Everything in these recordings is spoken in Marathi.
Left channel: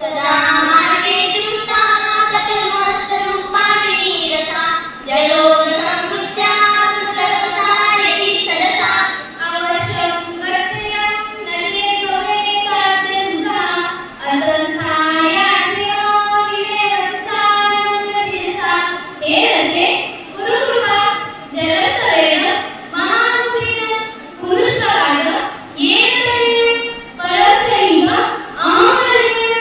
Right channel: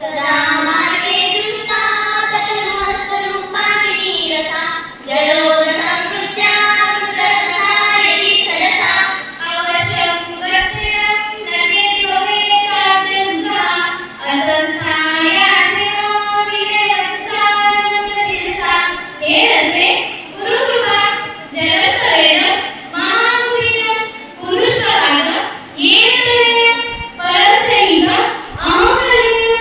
तदा मार्गे दृष्टा तटरुहस्तरूपाटिनी रसा जलोदसंवृत्या तर्कसा यदि सरसा अवश्यं गच्छेयं नदे दोहे काग्रसः अतस्थायाधयो विजयवचसा नन्दशिरसा हे रसे गुरुकृपा जलतलेन महानुभेन पुरुषकाल येन परचैव अमृतेन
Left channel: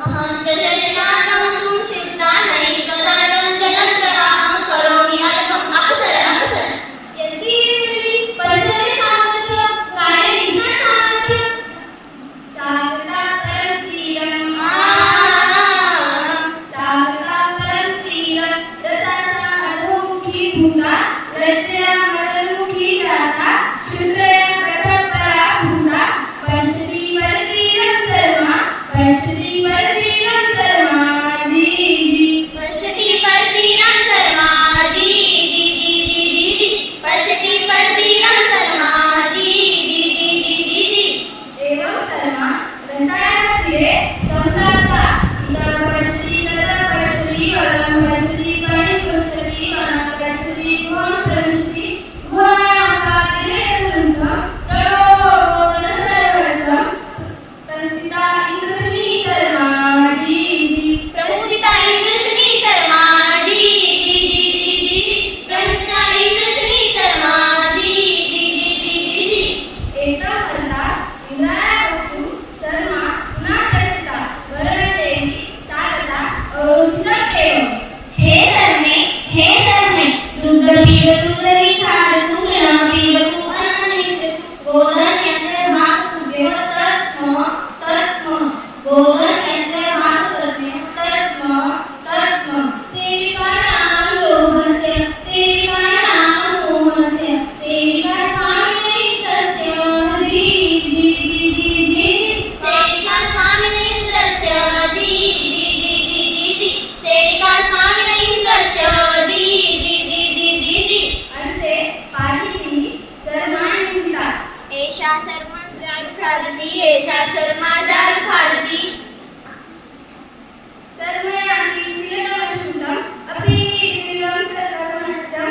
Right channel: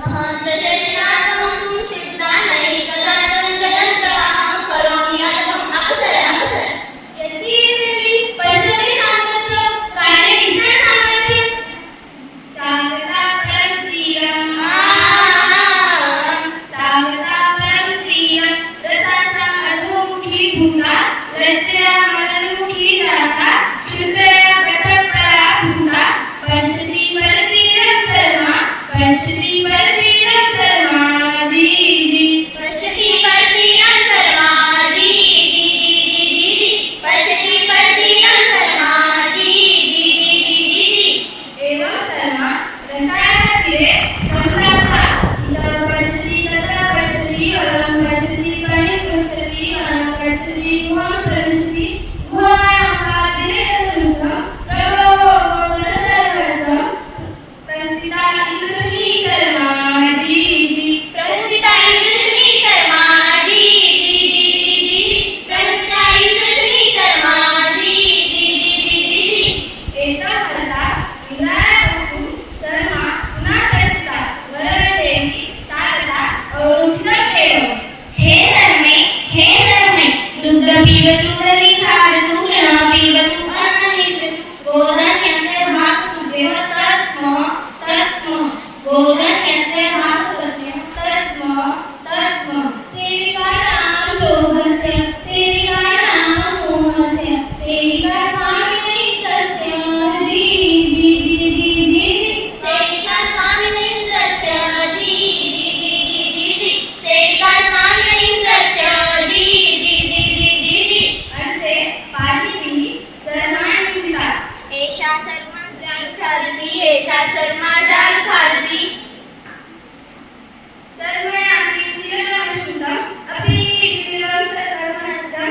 महच्चशनातं तुं शिवदानैः कदारं जलं प्रवाहं करोमि अल्पम् अपसर अपसर यदि पश्यमे सामर्थ्य कार्ये इष्टा सामर्थ्य सागता परं तीरं सागता परं तीरं रसासा अधोमुखी भूता लज्जया मदनमुखी जाता शुद्धया कथपरा भूता पश्यति परतीरं सर्वा पश्यति परतीरं सर्वा जी जी पश्यति परतीरं सर्वा जी जी जी जी जी जी पश्यति परतीरं सर्वा जी जी जी जी जी जी एवं सर्वा रसायन तीरे संप्राप्ता इदं पश्यति तत्र पश्यति अलं पश्यति परिपृच्छति अलं पश्यति गुहं पश्यति गुहायां पात्रे तरुणं प्रलोभोदरसर्वस्वं प्रस्थिता इंद्रशुनी सर्वा जी जी प्रस्थिता इंद्रशुनी सर्वा जी जी जी जी जी जी प्रस्थिता इंद्रशुनी सर्वा जी जी जी जी जी जी एका करता इंद्रायवतु सर्वा पुन्हा प्रस्थिता वरदेवी सारता अवरुद्ध एव हे धर्मे दुग्ध पीबतु तरी खादतु तृण पीबतु अन्नमित्र गोधन्यस्य भातु तत्म गोधन्यस्य भातु तत्म सेविकानां लोभस्य सेविकानां मोहस्य सेविका स्वामिनेन्द्रस्य जी जी जी जी जी सेविका स्वामिनेन्द्रस्य जी जी जी जी जी जी सेविका स्वामिनेन्द्रस्य जी जी जी जी जी जी अर्थे पाठिनी सर्वांता एषा शर्मा जाल खादती एषा शर्मा जाल खादती सर्वयान्ति चिरनवशुद्धम् अपि दिलं सर्वमस्तं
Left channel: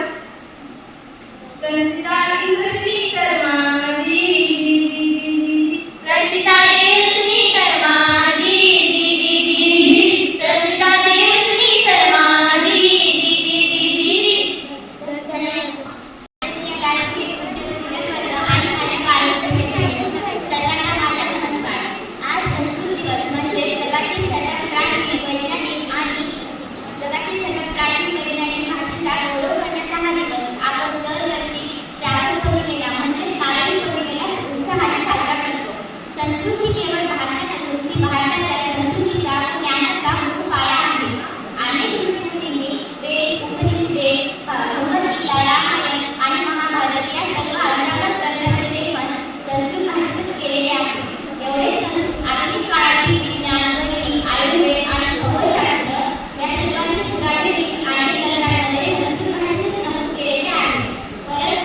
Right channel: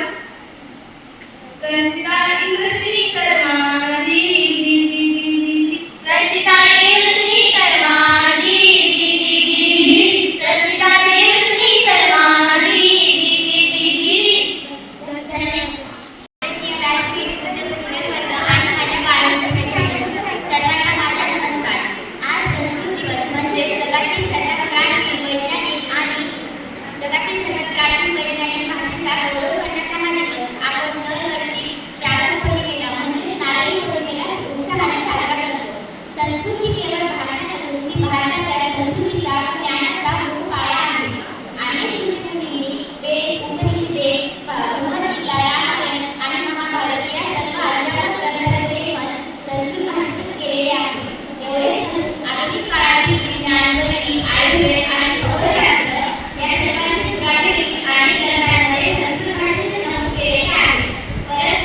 प्रस्थिता इंद्रश्री सर्वा जी जी जी जी जी प्रस्थिता देवशुनी सर्वा जी जी जी जी जी जी प्रस्थिता देवशुनी सर्वा जी जी जी जी जी जी राजकीय पूज्यवर्ग आणि माझ्या बाळमित्रांनो सर्वांना माझा नमस्कार. आज संस्कृत दिवस म्हणजे जगातील सर्वात प्राचीन वैज्ञानिक आणि जगातील सर्वात प्राचीन वैज्ञानिक भाषेचा गौरव करण्याचा हा दिवस आपण दरवर्षी श्रावण पौर्णिमेला म्हणजे नारळी पौर्णिमेला उत्साहाने साजरा करतो. संस्कृत ही केवळ भाषा नसून ती भारताच्या संस्कृतीचा व ज्ञानाचा मूळ पाया आहे. अनेक ऋषीमुनींनी वेद, उपनिषदे, भगवद्गीता, रामायण आणि महाभारत या सर्व अजरामर ग्रंथांचे लेखन संस्कृत भाषेतच केलेले आहे. एवढेच नसून आधुनिक काळातील विज्ञान, गणित, आयुर्वेद आणि खगोलशास्त्र या सर्वांचे पुरावे आणि ग्रंथांमध्ये संस्कृत भाषेतच नमूद केलेले आहे. परंतु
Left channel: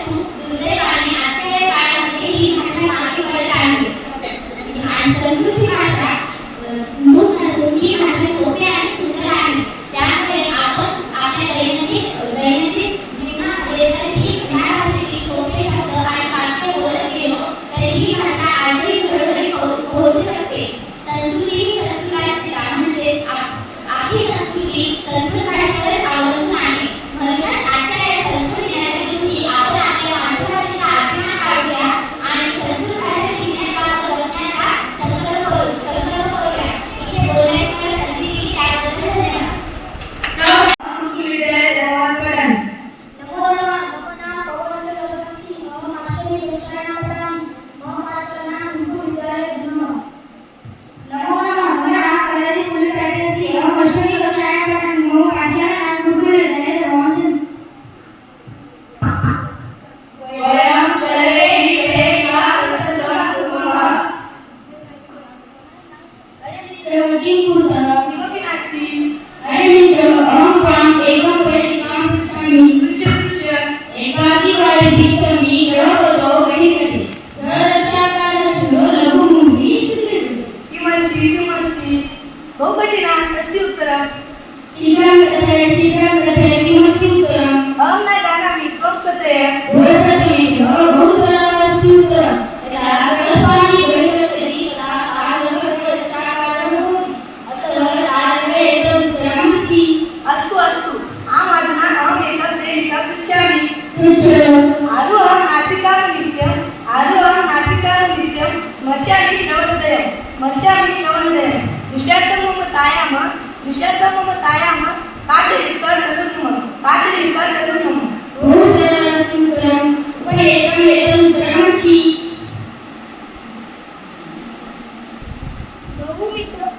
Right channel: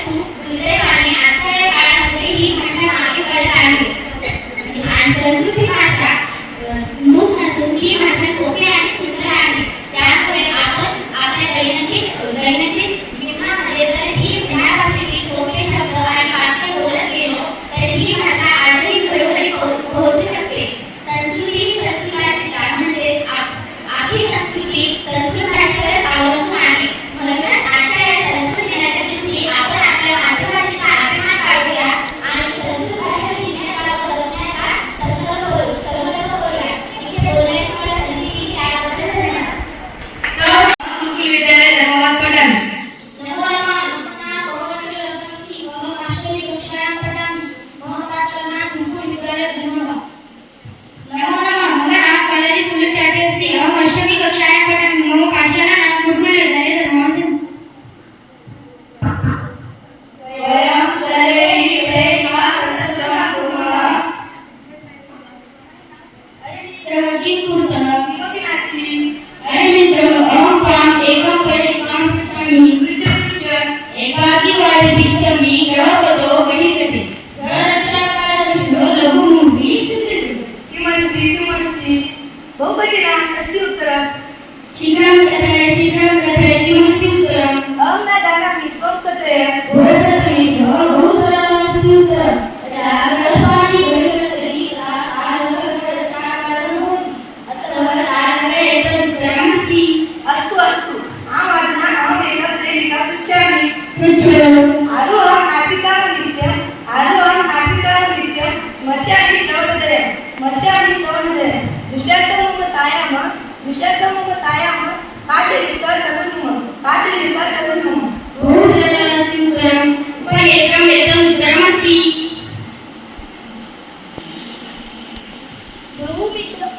बहुकठिना अस्ति उत्तरम् शीघ्रं कथय किमस्ति उत्तरम् अहं न जानामि त्वं कथय प्रथमेशः बहु सरलम् अस्ति उत्तरम् यदा गणस्वामी गणपति अतः आरम्भे एतत् उत्तरमस्ति अस्तु अस्तु आम् अधुना अहमेकं प्रेरिकां पृच्छामि पृच्छतु आरोहं नासिकाननित्यं स्मर्शामि श्रवणोदयं दुष्यर्थं मम सायाम पाचयित्वा तनुर्मम बहु सरलम् अस्ति उत्तरम् उपरि एतत् उत्तरमस्ति बहुमित्रं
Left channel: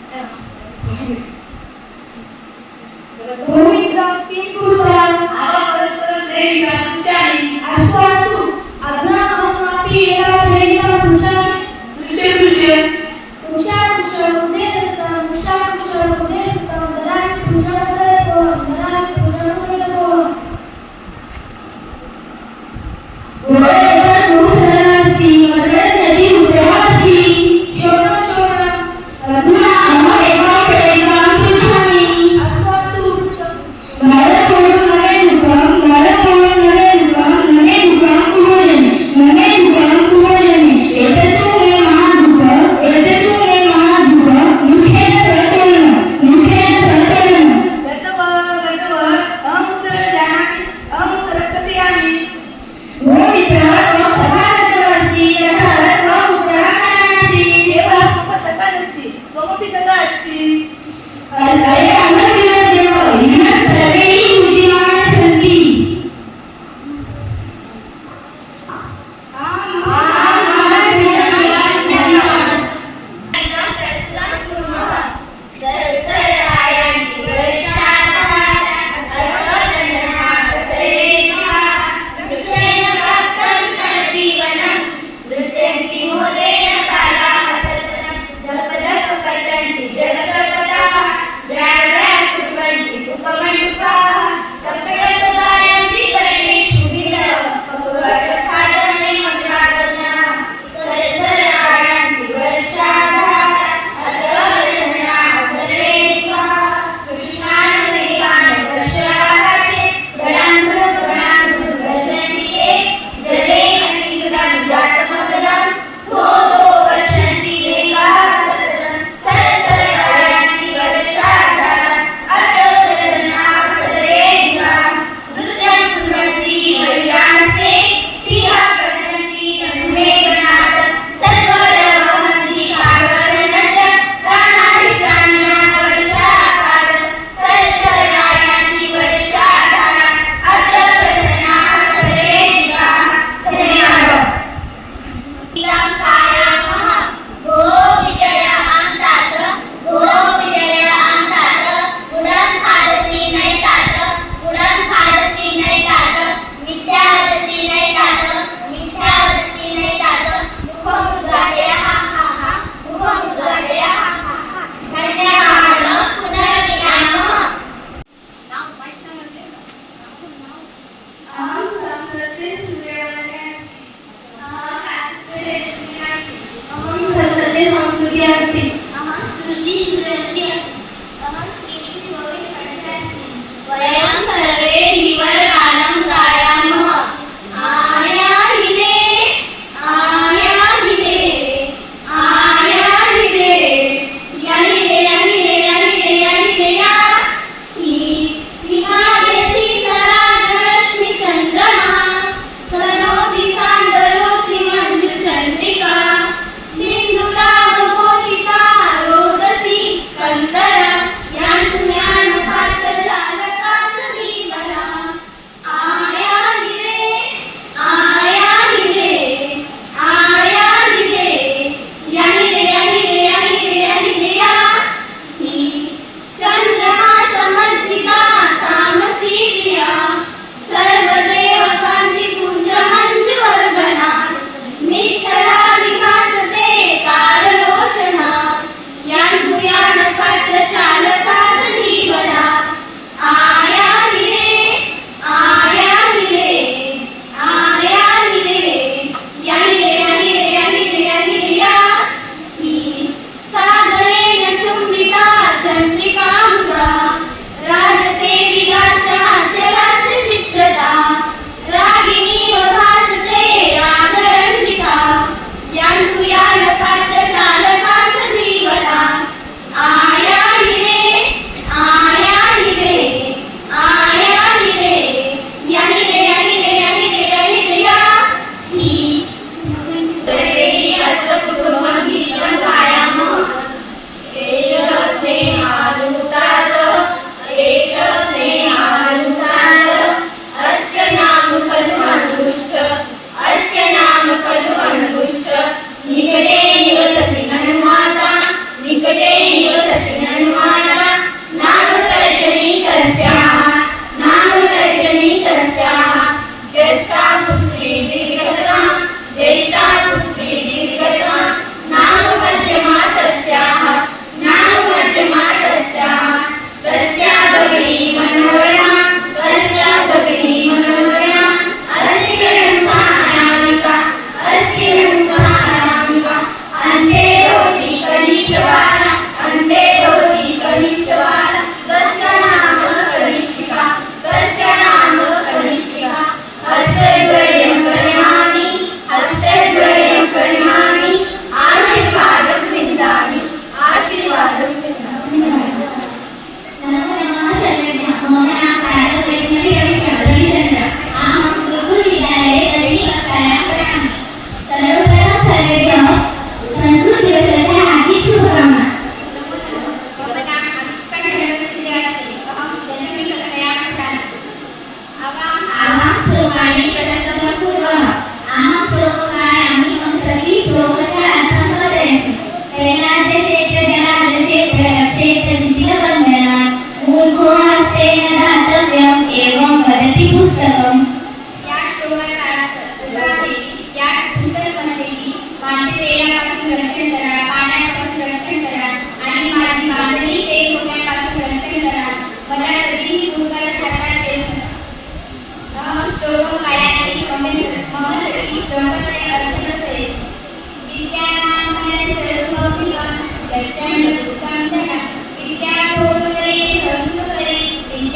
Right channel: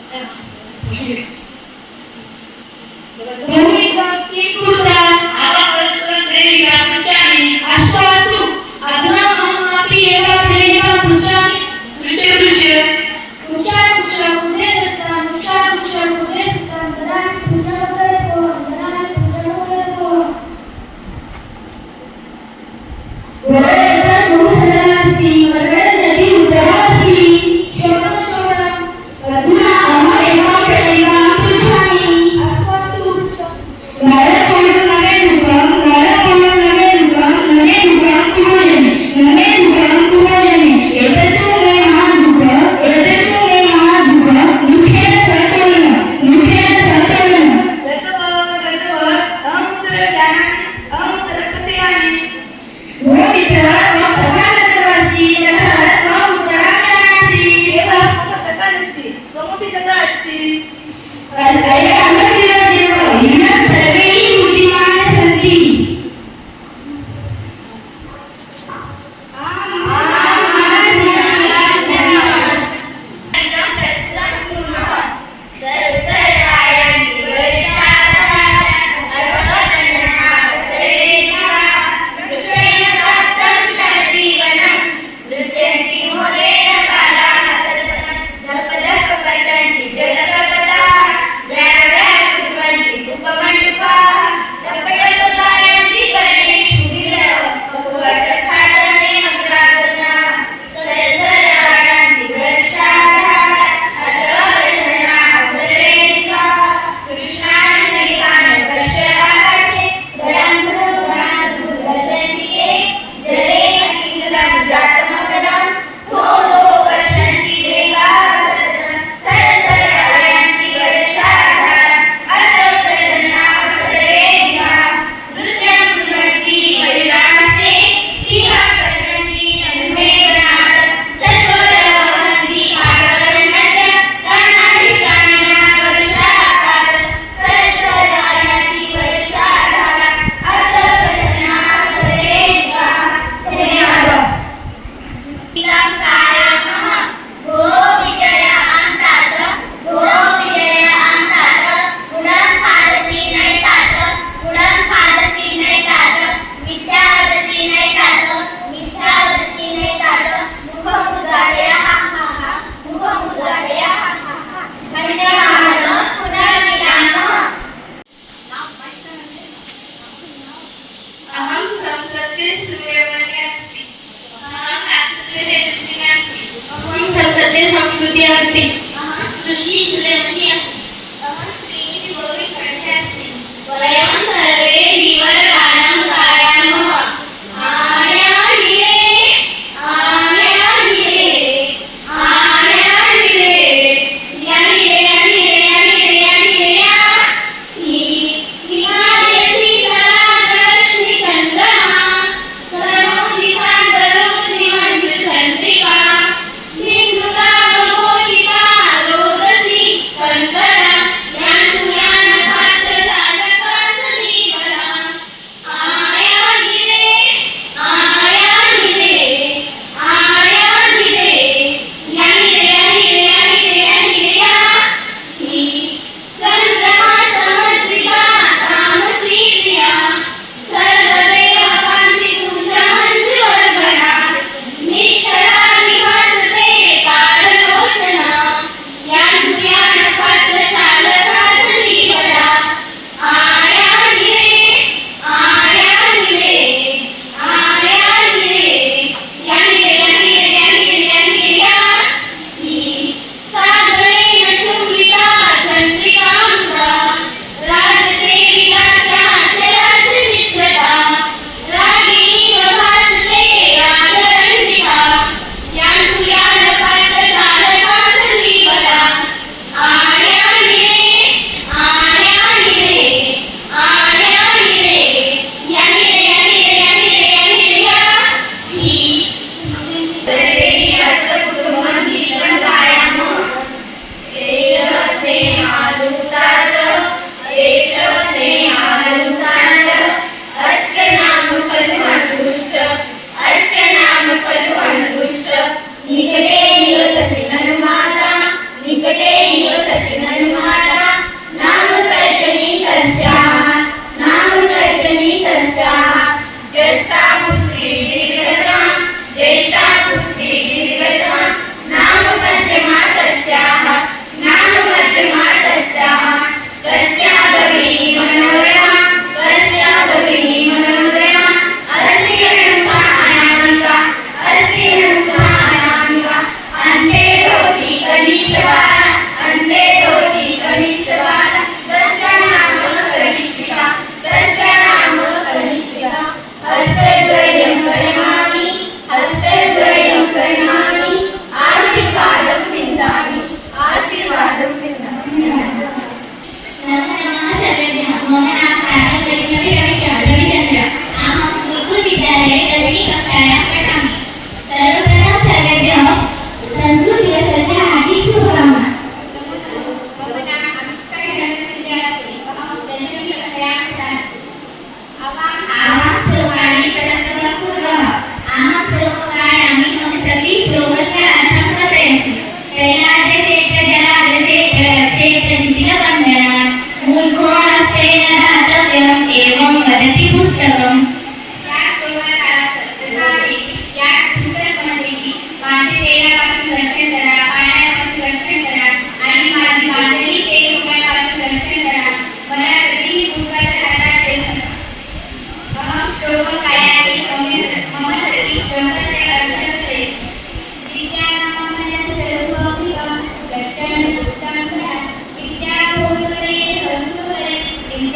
किं कुर्वन् परस्परं प्रेरिकां पृच्छामि अस्तु अस्तु अधुना अहमपि एका प्रेरिकां पृच्छामि पृच्छ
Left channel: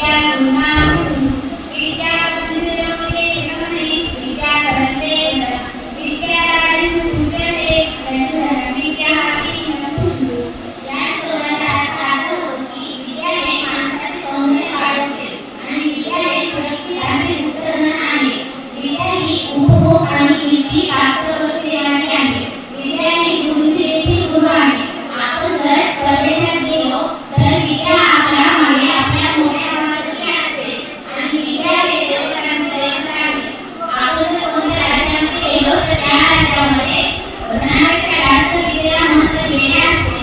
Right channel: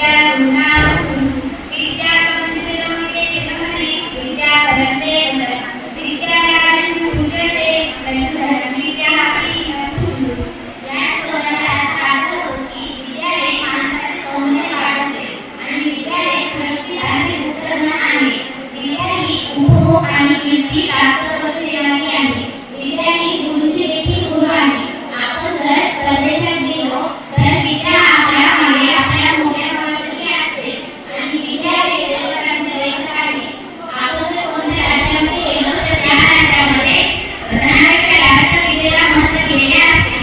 विद्या गुणावतु विद्या कंजुरमिते चितमने विद्या करते विद्या राजन पूजते कंजुर विद्या या शब्दाचा अर्थ होती विद्यालय माणसाचे सौंदर्य वाढवते आणि विद्यालय सुरक्षित आणि उत्तम आहे. विद्या ही उपभोग आणि निष्ठी राष्ट्रवृत्ती आहे. विद्या ही गुरुची देखील गुरु आहे. आपण जर परदेशात गेलो तर विद्या आपल्या मागे आपल्या मोठ्या वर्षाची असते आणि विद्या वेगवेगळ्या आहे. आपण जर कोणत्या राज्यामध्ये गेलो तर त्या राज्यामध्ये धनापेक्षा जास्त विद्येला महत्त्व दिलेले असते.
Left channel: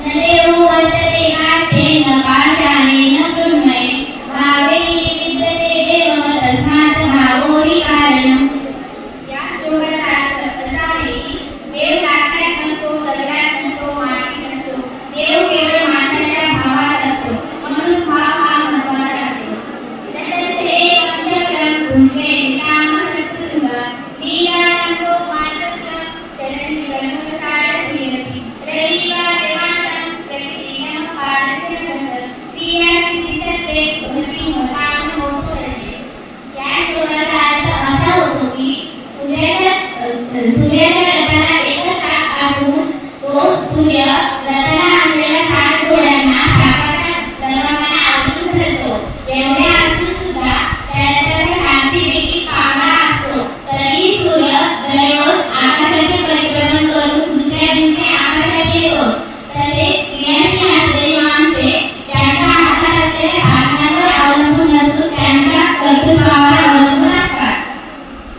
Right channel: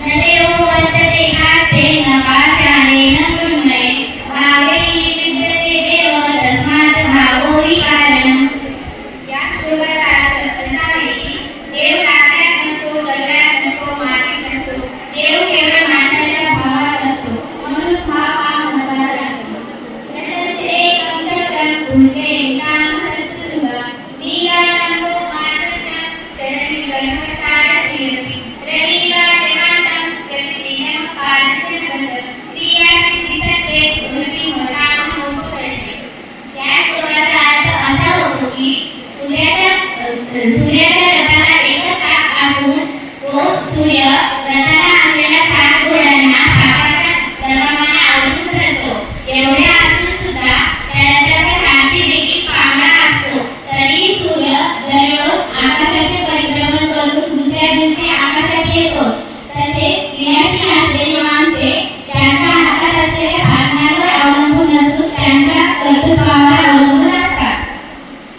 न देव वर्तते काचे न पाषाणे न मृण्मये भावे विद्यते देव तस्मात् भावो हि कारणम्. या श्लोकाचा अर्थ असा आहे की देव लाकडात नसतो, दगडात नसतो, मातीत नसतो. देव केवळ माणसाच्या भावात असतो. म्हणून भाव हा महत्त्वाचा असतो. तसेच एक पंचपदम भुंगे नाम संतुंग दीयानंदो मार्गच चरणी कल्पस्ताय धीरसी रविवा देवांतम प्रतिदिनं पारस्य नमः दीयासी दिसते भूमी मनाम होतते. या श्लोकाचा अर्थ असा होतो की सूर्याच्या रथाला एकच चाक असून तो सूर्य रथाला असलेल्या 60 घोड्यांना चाकाच्या दरम्यान आवरून धरतो. एवढ्या असून सुद्धा त्या रथाचा सारथी देखील पांढरा असतो. तरीही सूर्य दररोज आकाशाचे परिभ्रमण करून दुसऱ्या दिवशी आकाशात येतो. तसेच विनाशी असलेली माणसे त्यांच्या हातात असलेल्या साधनांवर अवलंबून नसून त्यांच्या कर्तृत्वावर अवलंबून असतात.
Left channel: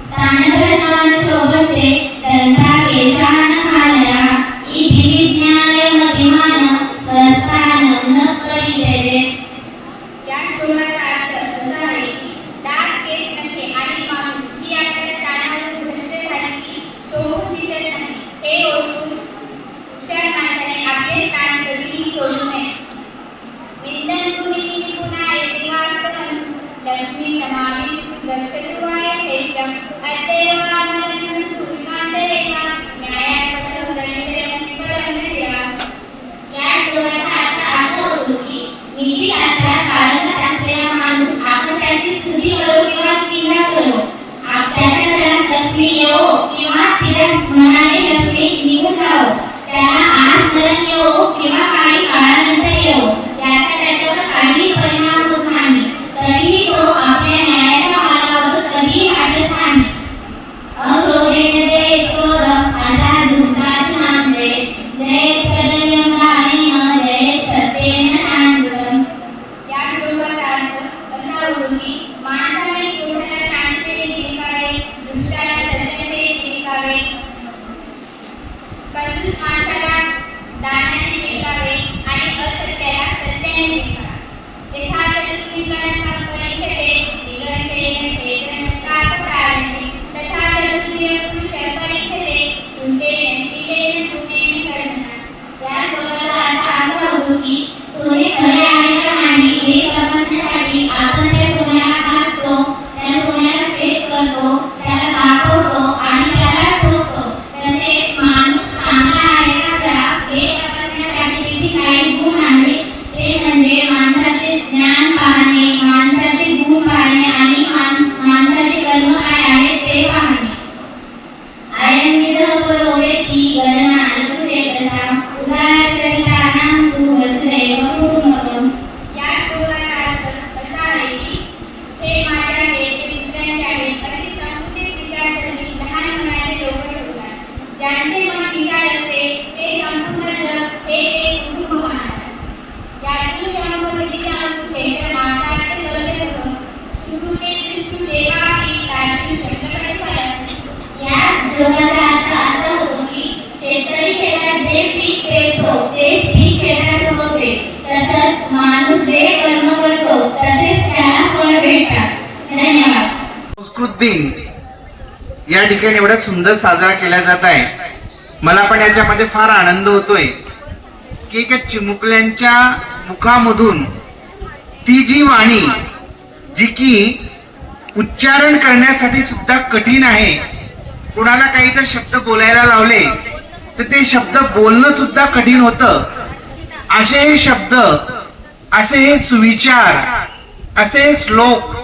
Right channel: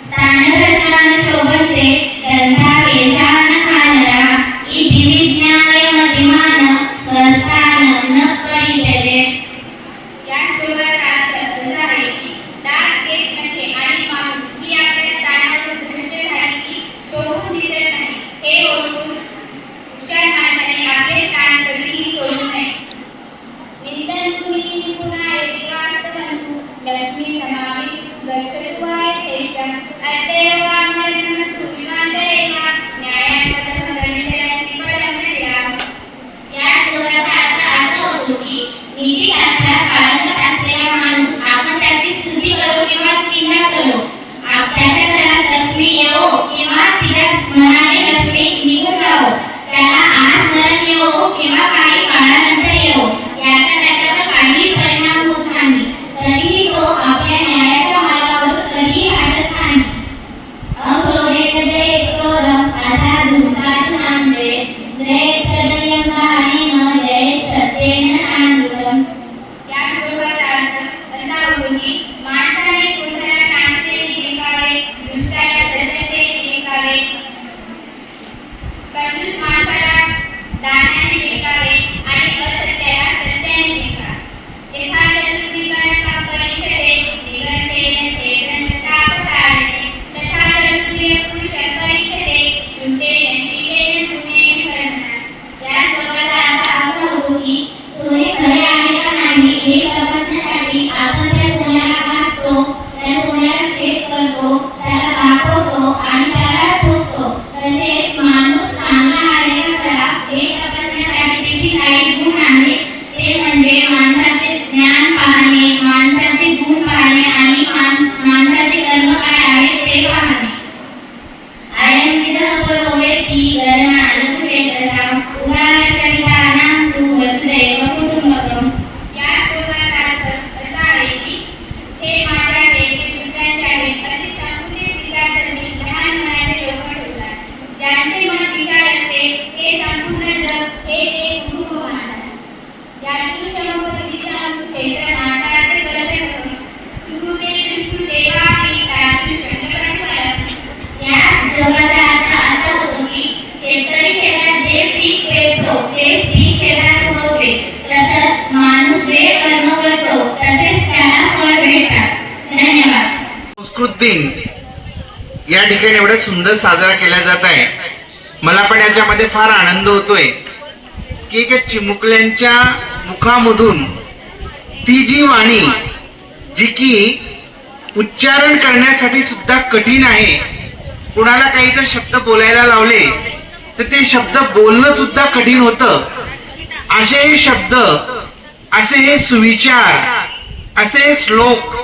स्थानप्रधान शोभते गंधा केशान खालरा इति विज्ञाय मतिमान स्वस्थान न परिभेदे. या श्लोकाचा अर्थ असा आहे की दात, केस, नखे आणि माणूस ही आपल्या स्थानावरून भ्रष्ट झाली की शोभून दिसत नाही. हे ओळखून हुशार माणसाने आपले स्थान कधीही सोडू नये. विंदन्तु इति निपुणाय देवास्तवन्तु लक्ष्मी समाविष्टु गच्छतु वायथेष्टम् अद्यैवामरणस्तु युगान्तरेण न्यायान् पथं परिचयं परमधिराम्. या श्लोकाचा अर्थ असा होतो की नीतिशास्त्रात पारंगत असलेला माणूस आपण त्याची स्तुती करो किंवा टीका करो, त्याच्या घरात लक्ष्मी येवो किंवा तिच्या मनाने लक्ष्मी निघून जावो, त्याला आज मरण येवो किंवा काही काळानंतर येवो, याचा त्याच्यावर काहीही परिणाम होत नाही. तरीही तो आपल्या न्यायाच्या मार्गावर कधीही अडत नाही. अक्रोधेन जयेत क्रोधम् अर्थात दुःखात नांदे जयेत तदयं वाणेन जयेत सत्येन नानृतम्. या श्लोकाचा अर्थ असा होतो की माणसाने क्रोधाला शांततेने जिंकावे, दुष्टाला सज्जनतेने जिंकावे, कंजूस माणसाला दानाने जिंकावे आणि असत्याला सत्याने जिंकावे. यथा चतुर्विकल्पं परीक्षते विगर्षेण चेतन तापतारणे तथा चतुर्विपुरुषं परीक्षते शुद्धेन शीलेन गुणेन कर्मणा. या श्लोकाचा अर्थ असा होतो की सोने खरे आहे का नाही हे तपासण्यासाठी आपण त्या सोन्याला घासतो, त्या सोन्याला सेट करतो, त्याला दाखवतो आणि त्याला ठोकतो. तसेच माणूस चांगला आहे का खरा हे तपासण्यासाठी देखील काही गुण आहेत. ते म्हणजे माणसाचे ज्ञान पाहणे, माणसाचे गुण पाहणे आणि माणसाचे कर्म काय आहे ते पाहणे. अयं विधः पुरोहिती गणना अनुचेतसाम् उदारचरितानां तु वसुधैव कुटुम्बकम्. या श्लोकाचा अर्थ असा आहे की हे माझे आहे, हे दुसऱ्यांचे आहे अशी संकुचित विचारसरणी लहान मनाचे लोक ठेवतात. ज्यांचे मन विशाल असते ते संपूर्ण जग हे ते कुटुंब मानतात. यादृशं पदविदं क्षेत्र मातार्थ कलशं सुकृते दृष्टु देवापि तादृशं फलम्. या श्लोकाचा अर्थ असा होतो की शेतकरी शेतात जे पीक पेरतो तेच पीक शेतात होते. तसंच माणूस जे कर्म करतो तसेच त्याला फळ भेटतात. धन्यवाद. संस्कृत दिन या ठिकाणी एवढा सुंदर साजरा केला जात आहे. मला पण याच्यामध्ये फार आनंद होतोय की एका चिमुकल्यांच्या मुखामधून ती जी वाणी जी की उच्चारण करण्यासाठी सुद्धा कठीण आहे, कुणाला काही तर शब्द बोलायला लावले तर ते शब्द बोलणं सुद्धा कठीण होतं. असे हे शब्द, असे हे सुविचार असे श्लोक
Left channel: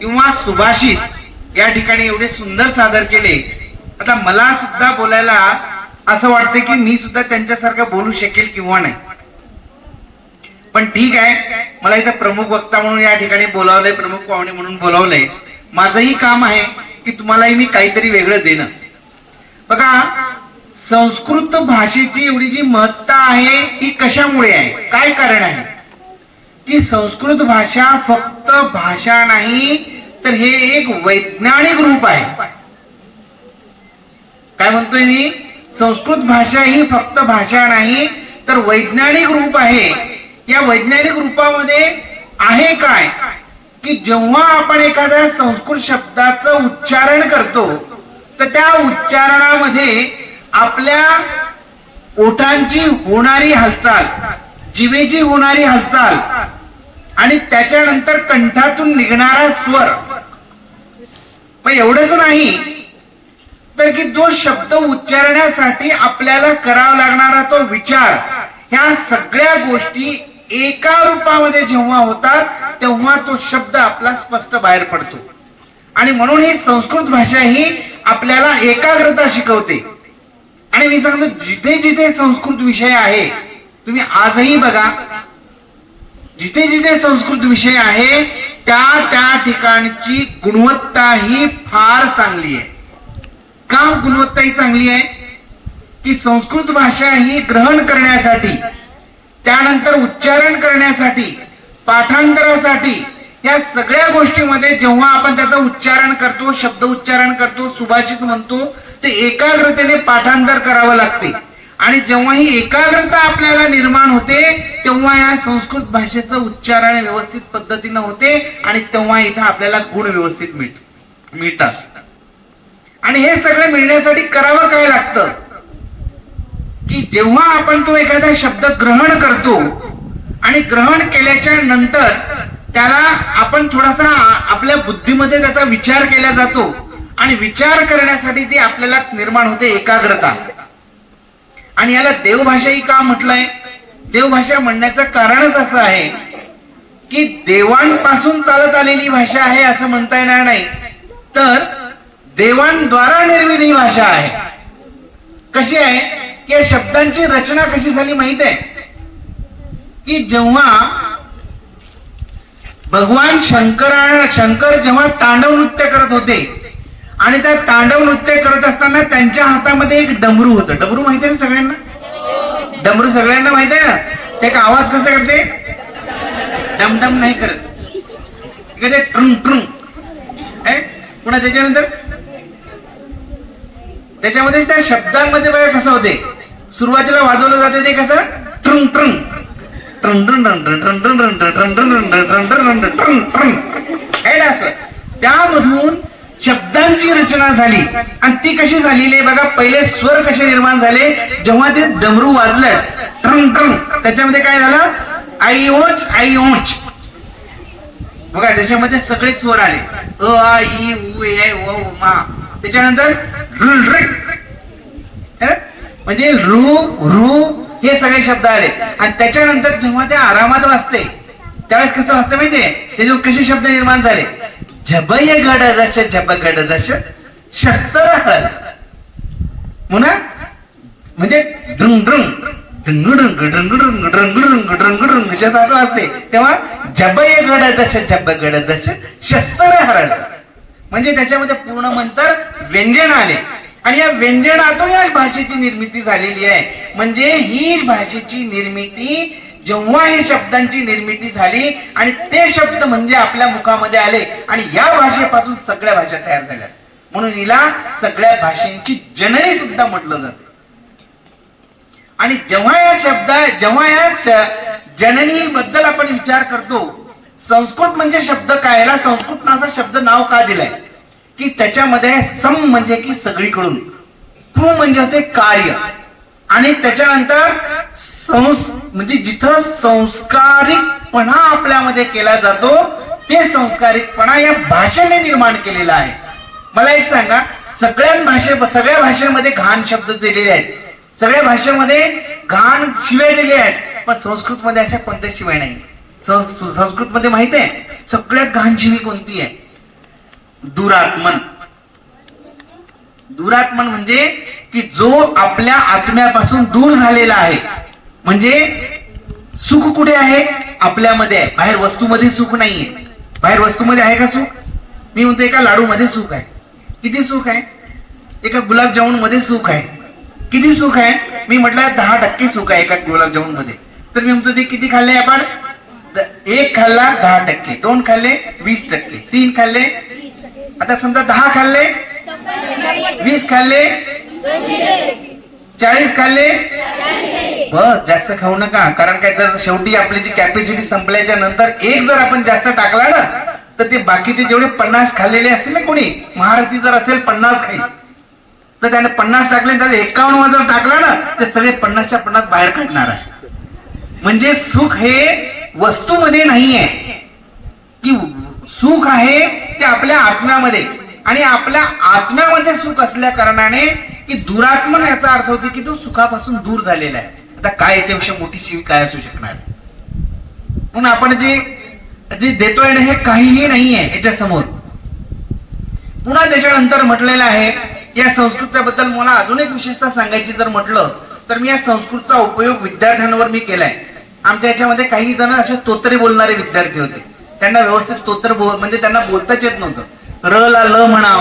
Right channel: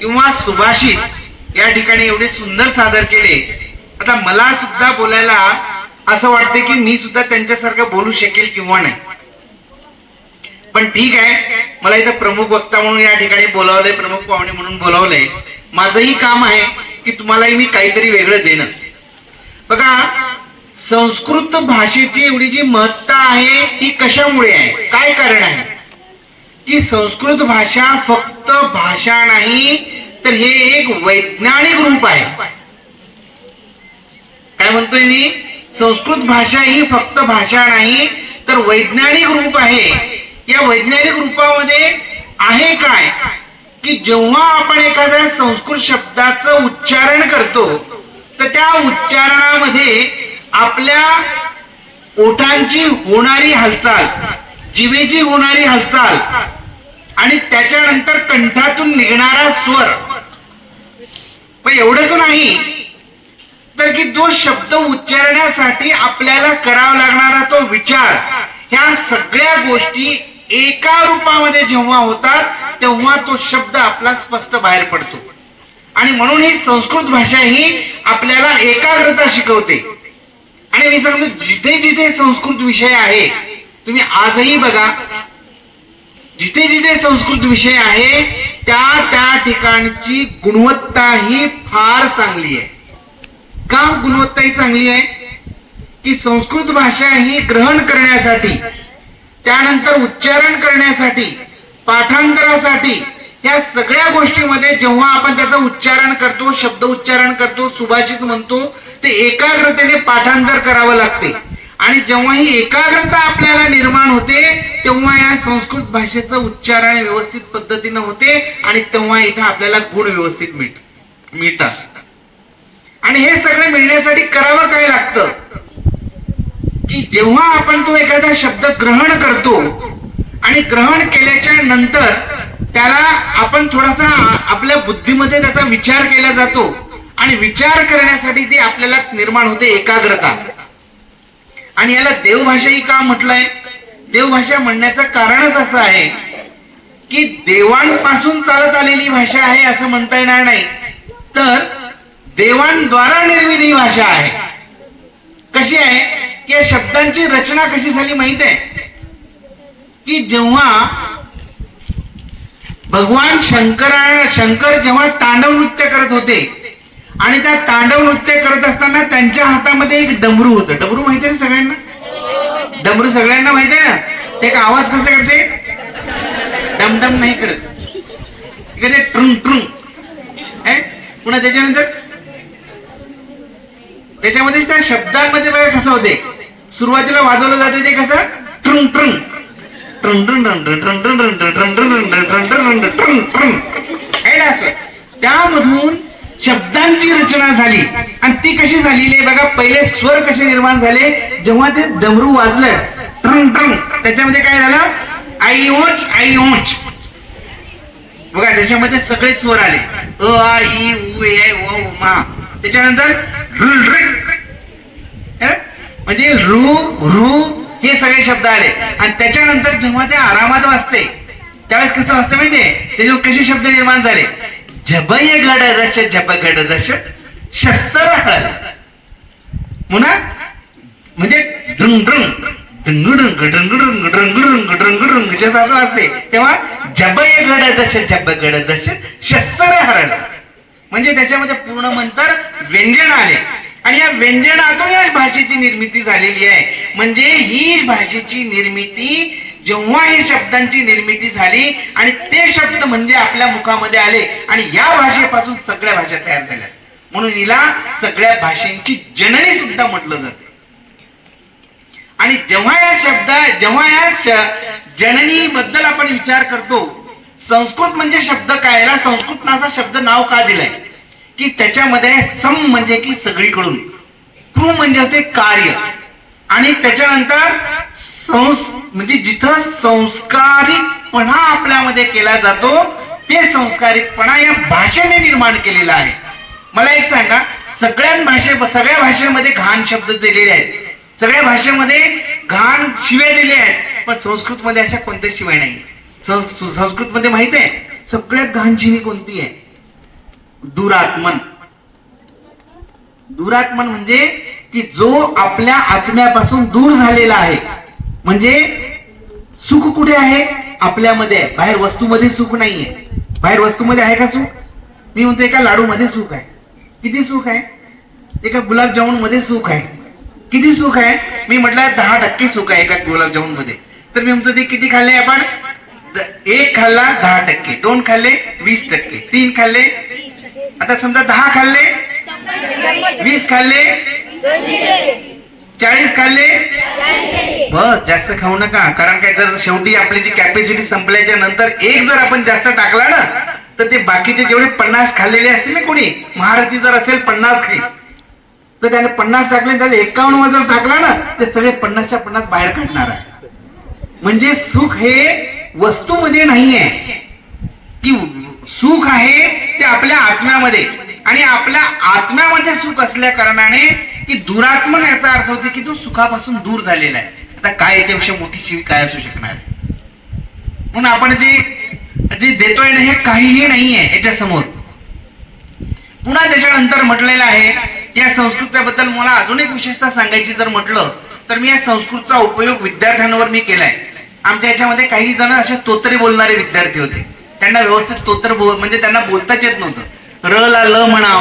किंवा सुभाषित या ठिकाणी एवढे सुंदर सादर केले. आता मला सुद्धा बोलायला असं वाटतं की मी सुद्धा त्यांच्यासारखं बोलू शकेल किंवा नाही, पण ठीक आहे, मला इथं प्रमुख वक्ता म्हणून या ठिकाणी बोलावलंय, प्रमुख पाहुणे म्हणून बोलावलंय. माझंही काम आहे की तुम्हालाही मी काहीतरी वेगळं देणं. बघा, संस्कृत भाषेची एवढी जी महत्ता आहे ती कशामुळे आहे, काय कारण आहे की संस्कृत भाषा फक्त भाषा नाही तर हे एक वैज्ञानिक रूप आहे. काय म्हणतोय मी? संस्कृत भाषा ही फक्त भाषा नाही तर वैज्ञानिक रूप आहे. या वैज्ञानिक रूपामध्ये आहे काय की जेव्हा आपण एखाद्या संस्कृत शब्दाचं उच्चारण करतो तर त्या उच्चारणामध्ये आपल्या ओठांची होणारी हालचाल, जिभेची होणारी हालचाल आणि त्याच्यानंतर कंठातून निघणारा स्वर, पण एवढंच नाही तर की तो शब्द उच्चारण्यासाठी आपल्याला करावा लागणारा तो विचार, ह्या सगळ्या गोष्टी एका रूपामध्ये जेव्हा होतात तेव्हा तो शब्द आपला स्पष्ट बाहेर पडतो. आणि म्हणून ही संस्कृत भाषा ही आपल्याला एकाग्रता शिकवते. आणि मी सांगतो, जिथे जिथे संस्कृत विषय आहे, तुम्ही आजही बघा, जिथे जिथे संस्कृत विषय आहे त्या त्या ठिकाणची गुणवत्ता ही फार चांगली आहे. का गुणवत्ता ही चांगली आहे की संस्कृत भाषा ही ग्रहण करण्यासाठी, त्यानंतर उच्चारण करण्यासाठी, पाठांतरासाठी, या सगळ्या गोष्टीमध्ये जेव्हा आपण त्याचं उच्चारण करतो, शब्द उच्चारण करतो, सुभाषित म्हणतो, ते एकाग्रतेने पाठांतर करावं लागते. आणि जेव्हा ही एकाग्रता आपल्याला निर्माण होते तेव्हा या संस्कृत भाषेचं उच्चारण व्यवस्थित पद्धतीनं होते आणि तेव्हा इथं आपल्याला गुण व्यवस्थित मिळतात. आणि हे सगळं मिळण्यासाठी करावं काय लागतं की जेव्हा आपण तो एखादा शब्द ग्रहण करतो आणि ग्रहण केल्याच्या नंतर त्याला आपण थोडासा आपल्या बुद्धीमध्ये त्याचा विचार केला जातो आणि विचार करण्यासाठी ती आपल्याला निर्माण होते एकाग्रता. आणि याला देवभाषाही का म्हटलंय? देवभाषा म्हणण्याचं कारणच असं आहे की देवांपासून चालत आलेली भाषा आहे असं म्हणता येणार नाही, तर देवांद्वारा निर्मित ही भाषा आहे. कशी आहे की या शब्दांची रचना कशी झाली माहित आहे की जेव्हा भगवान शंकर जेव्हा तांडव नृत्य करत होते आणि त्या तांडव नृत्य करत असताना त्यांच्या हातामध्ये एक डमरू होतं. डमरू माहिती आहे सगळ्यांना? डमरू सगळ्यांना माहित आहे ना? ते एक आवाज कसा करते? डमडम नाही करत, इकडे ट्रुंग ट्रुंग. पुन्हा त्याच्यामध्ये त्या शब्दांमध्ये बघा कसं होते, सुरुवातीला वाजवलं जाते ते कसं Trung Trung Trung Trung Trung Trung Trung Trung Trung Trung Trung, असं त्यामधून शब्दांची रचना झाली. आणि ती कशी झालेली आहे बघा, पहिले स्वर कसे निर्माण झाले जेव्हा ते डमरू वाजलं ट्रुंग ट्रुंग, त्याच्यामध्ये काय झालं? आई ओच आई ओच. बघा त्याच्यामध्ये सगळे स्वर आले, अ आ इ उ ए ओ मा. त्याच्यानंतर म्हणजे रू रू हे सगळे शब्द आले. आणि त्याच्यानंतर जेव्हा ते आरामात वाजते त्यावेळेस कसं वाजतं माहितीये, त्याच्यावर कसे शब्द निर्माण झाले? झबय गड दश झब गड दश शस्त्र हळ म्हणा, म्हणजे ड्रुंग ड्रुंग ड्रुंग ड्रुंग ड्रुंग ड्रुंग असं असते. तेव्हा झबय गड दश झब गड दश शस्त्र हरळ, म्हणजे त्याच्यामध्ये पूर्ण मंतर व्यंजन आले. आणि या व्यंजनातून या भाषेची निर्मिती झालेली आहे. म्हणजे ही भाषेची निर्मिती जेव्हा ही शब्दांची निर्मिती झाली आणि ते शब्द म्हणजे आपल्या मुखामध्ये आले आणि या भाषेपासून सगळ्या भाषा तयार झाल्या, म्हणून हिला सगळ्या भाषांची जननी सुद्धा म्हटलं जाते. आणि जेव्हा या जननी बद्दल आपण विचार करतो, संस्कृत म्हणजे शब्द काय, याला संस्कृत नाचा शब्द नाव का दिलंय की त्याच्यामध्ये सम म्हणजे की सगळीकडून, कृ म्हणजे होते कार्य, आणि त्याच्यानंतर म्हणजे जिथं संस्कारिकपणा आपल्यामध्ये केला जातो ते संस्कारिकपणा या भाषेने निर्माण केलेला आहे. मला एक सांगा, सगळ्या भाषेमध्ये घाण शब्द दिलेले आहेत, सगळ्या भाषेमध्ये घाण शिव्या दिल्या आहेत, पण संस्कृतमध्ये अशा कोणत्या शिवाय नाही. संस्कृतमध्ये माहित आहे सगळ्यात घाण जीवी कोणती आहे? दुरात्मन. दुरात्मन म्हणजे की जो आपल्या आत्म्यापासून दूर झालेला आहे. म्हणजे सुख कुठे आहे? आपल्यामध्ये आहे. बाहेर वस्तूमध्ये सुख नाहीये. बाहेर वस्तूमध्ये आहे का सुख? मी म्हणतो एका लाडू मध्ये सुख आहे. किती सुख आहे? एका गुलाबजामुन मध्ये सुख आहे. किती सुख आहे? मी म्हटलं 10% सुख आहे एका गुलाबजामुन मध्ये. तर मी म्हणतो ते किती खाल्ले आपण? 1 खाल्ला 10%, 2 खाल्ले 20%, 3 खाल्ले, आता समजा 10 खाल्ले, 20 खाल्ले, 40 खाल्ले. बस जास्त खाऊ नका. कारण काय, जर शेवटी आपली जी कॅपॅसिटी संपल्याच्या नंतर एक जर आपण जास्त टाकला ना, तर ते बाकीचे जेवढे 50 खाल्लेले असतील ना, कोणी महारथी जर असेल 50 खाईल, तर त्याने 50 टाकले, त्याने 51 जर टाकला ना, ते सगळे 50च्या 50 बाहेर काढणार आहे. म्हणजे सुख हे वस्तूमध्ये नाहीये, की सुख आहे ते आपल्या आत्म्यामध्ये. आणि आपल्या आत्म्यामध्ये सुख असल्या कारणाने की दुरात्मन याचा अर्थ होते की तो सुखापासून दूर झालेला आहे. आता काय याच्यापेक्षा मोठी शिवी काय असू शकणार? म्हणून आपण जे देतोय ना, हे काहीही नाहीये याच्या समोर. पुन्हा त्याच्यानंतर म्हटलेलं आहे, या संस्कृताबद्दल मला अजून एक विशेषता सांगायची जर म्हटलं तर मी या संस्कृतचा उपयोग विद्यार्थ्यांवर मी केलाय. आमच्या याच्यामध्ये काही जण असे तोत्रे बोलणारे विद्यार्थी होते. त्यांना व्यवस्थित तोत्र म्हणजे त्यांना बोलताच येत नव्हतं. र ला ल म्हणाव,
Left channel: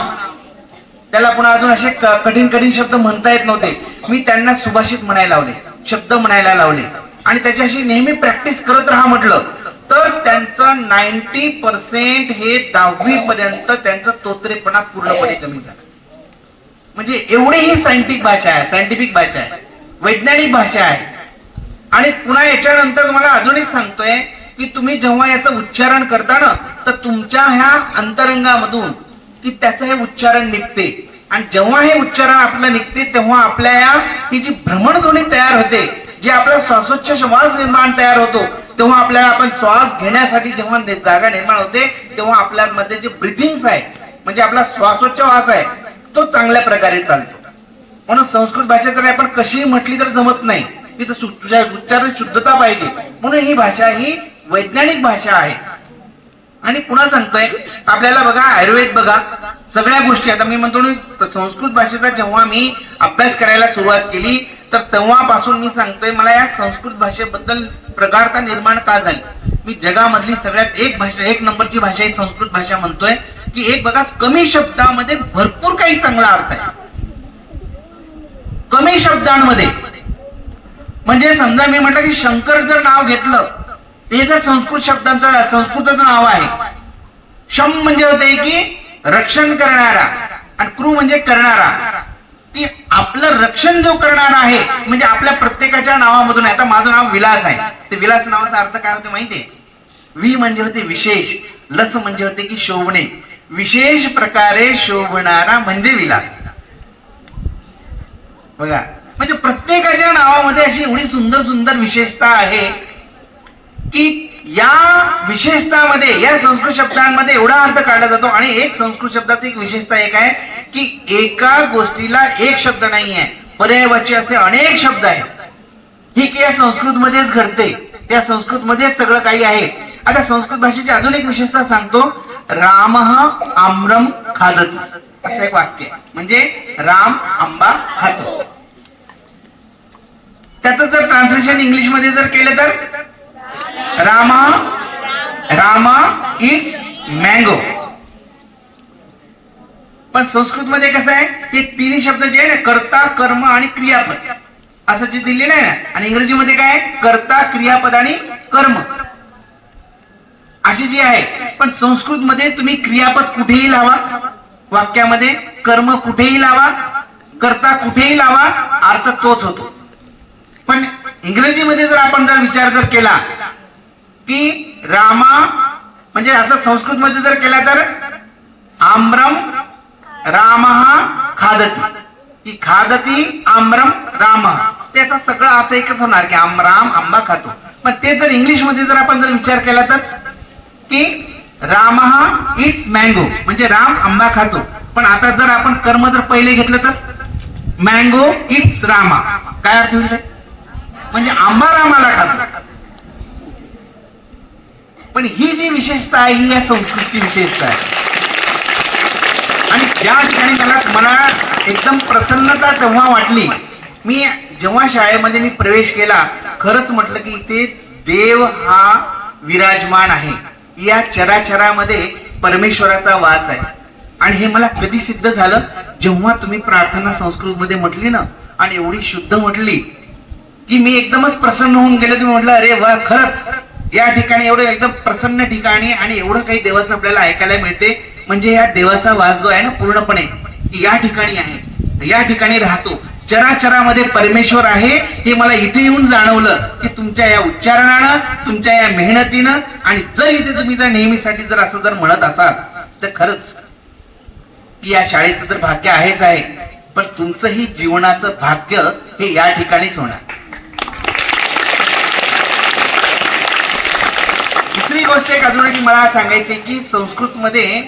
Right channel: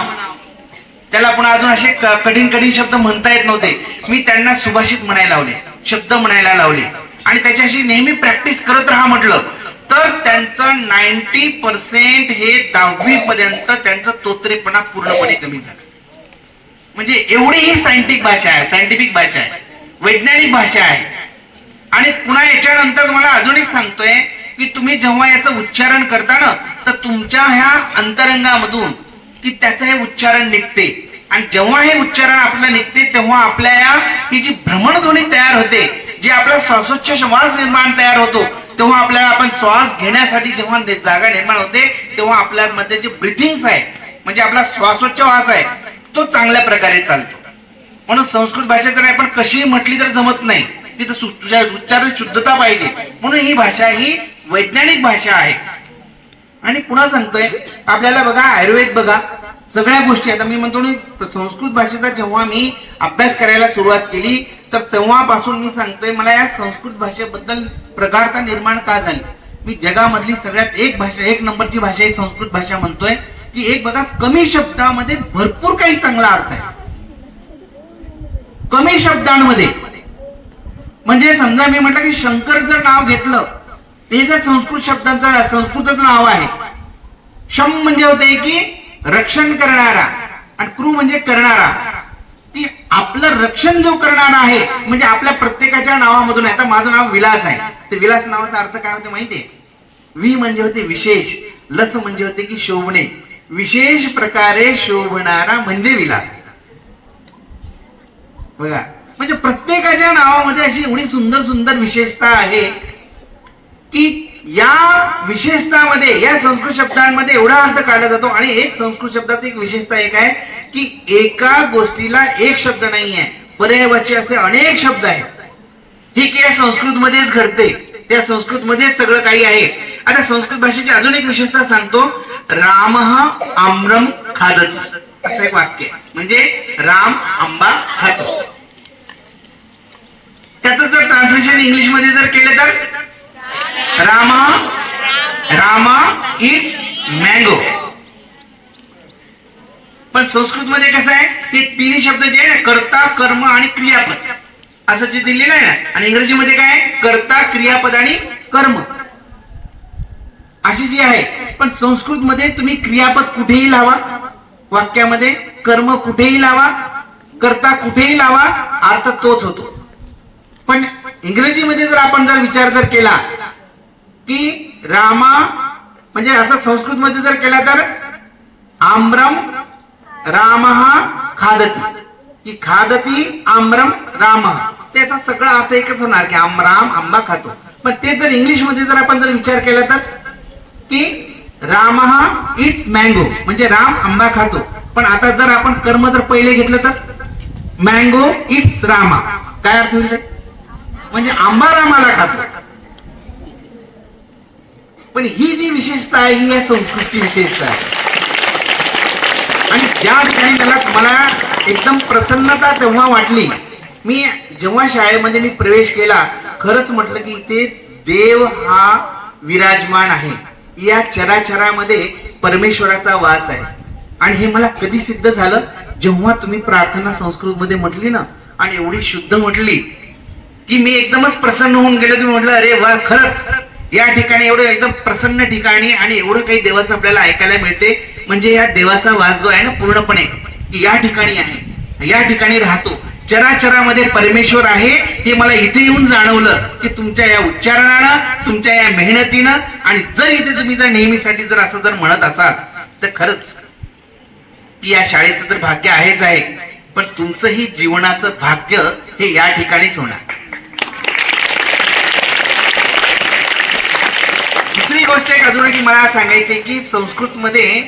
त्याला पुन्हा अजून असे कठीण कठीण शब्द म्हणता येत नव्हते. मी त्यांना सुभाषित म्हणायला लावले, शब्द म्हणायला लावले, आणि त्याच्याशी नेहमी प्रॅक्टिस करत राहा म्हटलं. तर त्यांचं 90% हे 10वी पर्यंत त्यांचा तोत्रेपणा पूर्णपणे कमी झाला. म्हणजे एवढी ही सायंटिफिक भाषा आहे, वैज्ञानिक भाषा आहे. आणि पुन्हा याच्यानंतर मला अजून एक सांगतोय की तुम्ही जेव्हा याचं उच्चारण करता ना, तर तुमच्या ह्या अंतरंगामधून की त्याचं हे उच्चारण निघते. आणि जेव्हा हे उच्चारण आपलं निघते तेव्हा आपल्या ही जी भ्रमणध्वनी तयार होते, जे आपला श्वासोच्छ्वास निर्माण तयार होतो, तेव्हा आपल्याला आपण श्वास घेण्यासाठी जेव्हा जागा निर्माण होते, तेव्हा आपल्यामध्ये जे ब्रिथिंग आहे, म्हणजे आपला श्वासोच्छवास आहे, तो चांगल्या प्रकारे चालतो. म्हणून संस्कृत भाषा जर आपण कशी म्हटली तर जमत नाही, तिथं तुझ्या उच्चारण शुद्धता पाहिजे. म्हणून ही भाषा ही वैज्ञानिक भाषा आहे. आणि पुन्हा सांगतोय आपल्याला बघा, आयुर्वेद बघा, सगळ्या गोष्टी. आता मी म्हणतो संस्कृत भाषेचा जेव्हा मी अभ्यास करायला सुरुवात केली, तर तेव्हापासून मी सांगतोय मला या संस्कृत भाषेबद्दल प्रगाढता निर्माण का झाली. मी जगामधली सगळ्यात एक नंबरची भाषा ही संस्कृत भाषा म्हणतोय. की एक बघा, कमी शब्दामध्ये भरपूर काही चांगला अर्थ आहे. कमी शब्दांमध्ये, म्हणजे समजा मी म्हटलं की शंकर जर नाव घेतलं, ते जर संस्कृतचं नाव आहे. शम म्हणजे होते की रक्षण करणारा, आणि क्रू म्हणजे करणारा. की आपलं रक्षण जो करणारा आहे, म्हणजे आपल्या प्रत्येकाच्या नावामधून. आता माझं नाव विलास आहे, ते विलास नावाचा अर्थ काय होते माहितीये? वि म्हणजे होते विशेष, लस म्हणजे होते की शोभणे. विशेष प्रकारे शोभणारा म्हणजे विलास. बघा, म्हणजे प्रत्येकाच्या नावामध्ये अशी एवढी सुंदर सुंदर विशेषता आहे की या विशेषतामध्ये, या संस्कृत शब्दांमध्ये एवढा अर्थ काढला जातो. आणि एक संस्कृत शब्दाची एक विशेषता एक आहे की एका गोष्टीला एक शब्द नाही आहे, पर्यायवाची असे अनेक शब्द आहेत. ही की या संस्कृत मध्येच घडते, त्या संस्कृत मध्येच सगळं काही आहे. आता संस्कृत भाषेची अजून एक विशेषता सांगतो. रामः आम्रम खादति, असं एक वाक्य, म्हणजे राम आंबा खातो. त्याचं जर ट्रान्सलेशन इंग्लिश मध्ये जर केलं तर रामा इट्स मँगो. पण संस्कृत मध्ये कसं आहे, हे तिन्ही शब्द जे आहे ना, कर्ता, कर्म आणि क्रियापद असं जे दिलेलं आहे ना. आणि इंग्रजीमध्ये काय, कर्ता, क्रियापद आणि कर्म अशी जी आहे. पण संस्कृत मध्ये तुम्ही क्रियापद कुठेही लावा वाक्यामध्ये, कर्म कुठेही लावा, कर्ता कुठेही लावा, अर्थ तोच होतो. पण इंग्रजीमध्ये जर आपण विचार केला की रामा, म्हणजे असं संस्कृत मध्ये जर केला तर आम्रम रामः खादति, की खादति आम्रम रामः, त्याचा सगळा अर्थ एकच होणार की राम आंबा खातो. पण ते जर इंग्लिश मध्ये जर आपण विचार केला तर की रामः इट्स मँगो, म्हणजे राम आंबा खातो. पण आता जर आपण कर्म जर पहिले घेतलं तर मँगो इट्स रामा, काय अर्थ होईल? म्हणजे आंबा रामाला खातो. पण ही जी विशेषता आहे ही या संस्कृतची विशेषता आहे. आणि ज्या ठिकाणी मला एकदम प्रसन्नता तेव्हा वाटली, मी जेव्हा शाळेमध्ये मी प्रवेश केला, खरंच म्हटलं की इथे देव हा विराजमान आहे, या चराचरामध्ये परमेश्वराचा वास आहे. आणि हे मला कधी सिद्ध झालं, जेव्हा तुम्ही प्रार्थना संस्कृत मध्ये म्हटली ना आणि एवढी शुद्ध म्हटली की मी एकदमच प्रसन्न होऊन गेलो. तुम्ही म्हटलं अरे वा, खरंच या ठिकाणी एवढं एकदम प्रसन्न ठिकाणी आणि एवढं काही देवाचं आपल्याला ऐकायला मिळते. म्हणजे या देवाचा वास जो आहे ना पूर्णपणे की या ठिकाणी आहे, या ठिकाणी राहतो, चराचरामध्ये परमेश्वर आहे हे मला इथे येऊन जाणवलं की तुमच्या या उच्चारणानं, तुमच्या या मेहनतीनं. आणि जर इथे तुम्ही जर नेहमीसाठी जर असं जर म्हणत असाल तर खरंच की या शाळेचं तर भाग्य आहेच आहे, पण तुमचंही जीवनाचं भाग्य हे या ठिकाणीच होणार. दुसरी गोष्ट एक अजून की मला सांगायची की संस्कृत मध्ये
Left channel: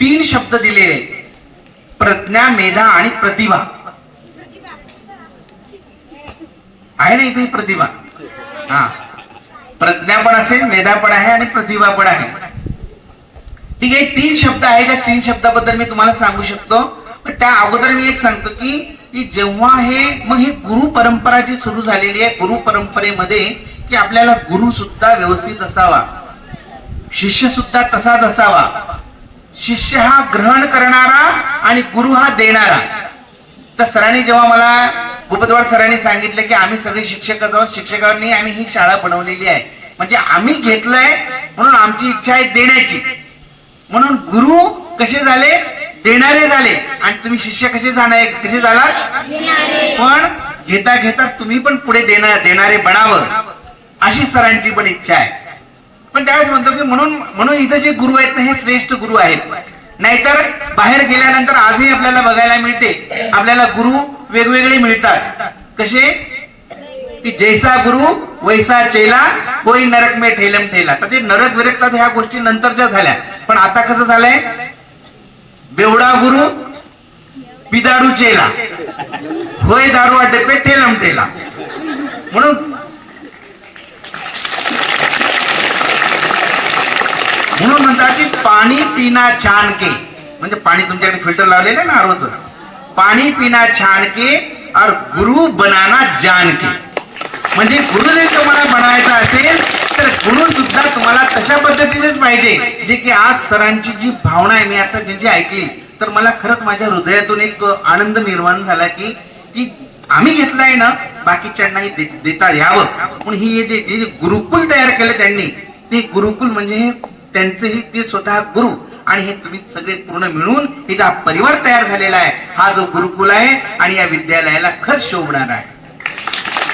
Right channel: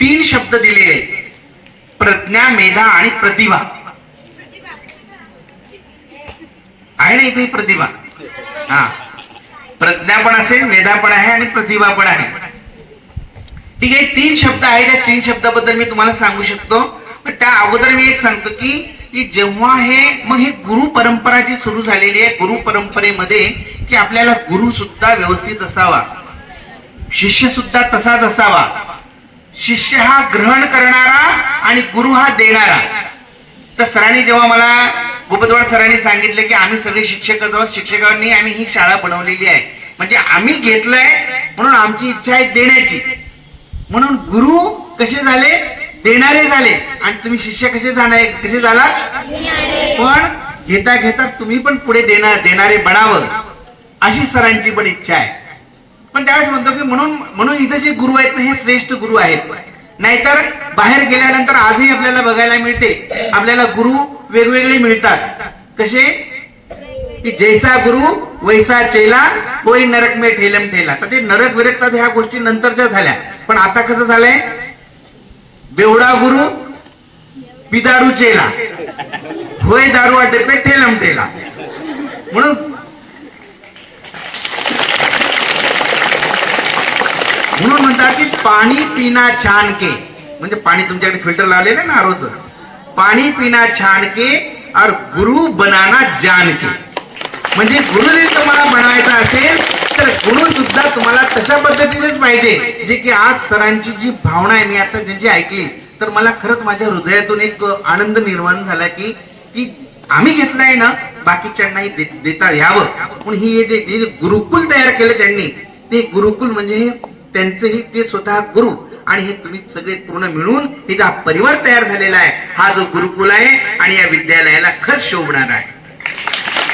3 शब्द दिलेले आहेत, प्रज्ञा, मेधा आणि प्रतिभा. आहे ना इथे प्रतिभा? हा, प्रज्ञा पण असेल, मेधा पण आहे आणि प्रतिभा पण आहे. ठीक आहे, 3 शब्द आहेत. त्या 3 शब्दाबद्दल मी तुम्हाला सांगू शकतो. पण त्या अगोदर मी एक सांगतो की जेव्हा हे गुरु परंपरा जी सुरू झालेली आहे, गुरु परंपरेमध्ये की आपल्याला गुरु सुद्धा व्यवस्थित असावा, शिष्य सुद्धा तसाच असावा. शिष्य हा ग्रहण करणारा आणि गुरु हा देणारा. तर सरांनी जेव्हा मला गोपतवाड सरांनी सांगितलं की आम्ही सगळे शिक्षक आहोत, शिक्षकांनी आम्ही ही शाळा बनवलेली आहे, म्हणजे आम्ही घेतलंय म्हणून आमची इच्छा आहे देण्याची. म्हणून गुरु कसे झाले? देणारे झाले. आणि तुम्ही शिष्य कसे झाला? पण घेता घेता तुम्ही पण पुढे देणारे बनावं अशी सरांची पण इच्छा आहे. पण त्यावेळेस म्हणतो की म्हणून इथे जे गुरु आहेत ना हे श्रेष्ठ गुरु आहेत. नाहीतर बाहेर गेल्यानंतर आजही आपल्याला बघायला मिळते, आपल्याला गुरु वेगवेगळे मिळतात. कसे? की जैसा गुरु वैसा चेला, कोई नरक में ठेलम ठेला. तर ते नरक विरकतात ह्या गोष्टी नंतरच्या झाल्या. पण आता कसं झालंय? बेवडा गुरु पिदारू चेला, होय दारू अड्डे पे ठेलम ठेला. म्हणून म्हणतात की पाणी पिना छान के, म्हणजे पाणी तुमच्याकडे फिल्टर लावलेलं ना रोज, पाणी पिना छान के और गुरु बनाना जान के. म्हणजे गुरु जर तुम्हाला बनवायचा असेल तर गुरु सुद्धा तुम्हाला तशा पद्धतीचेच पाहिजे. जे की आज सरांची जी भावना आहे मी आता ज्यांची ऐकली तर मला खरंच माझ्या हृदयातून एक आनंद निर्माण झाला की आम्ही घेतलाय ना बाकीच्यांनाही देता यावं. म्हणून ही जे गुरुकुल तयार केलं त्यांनी, ते गुरुकुल म्हणजे त्यांचेही ते स्वतः गुरु आणि हे तुम्ही सगळे पूर्ण मिळून हे जो परिवार तयार झालेला आहे हा जो गुरुकुल आहे आणि या विद्यालयाला खरंच शोभणार आहे.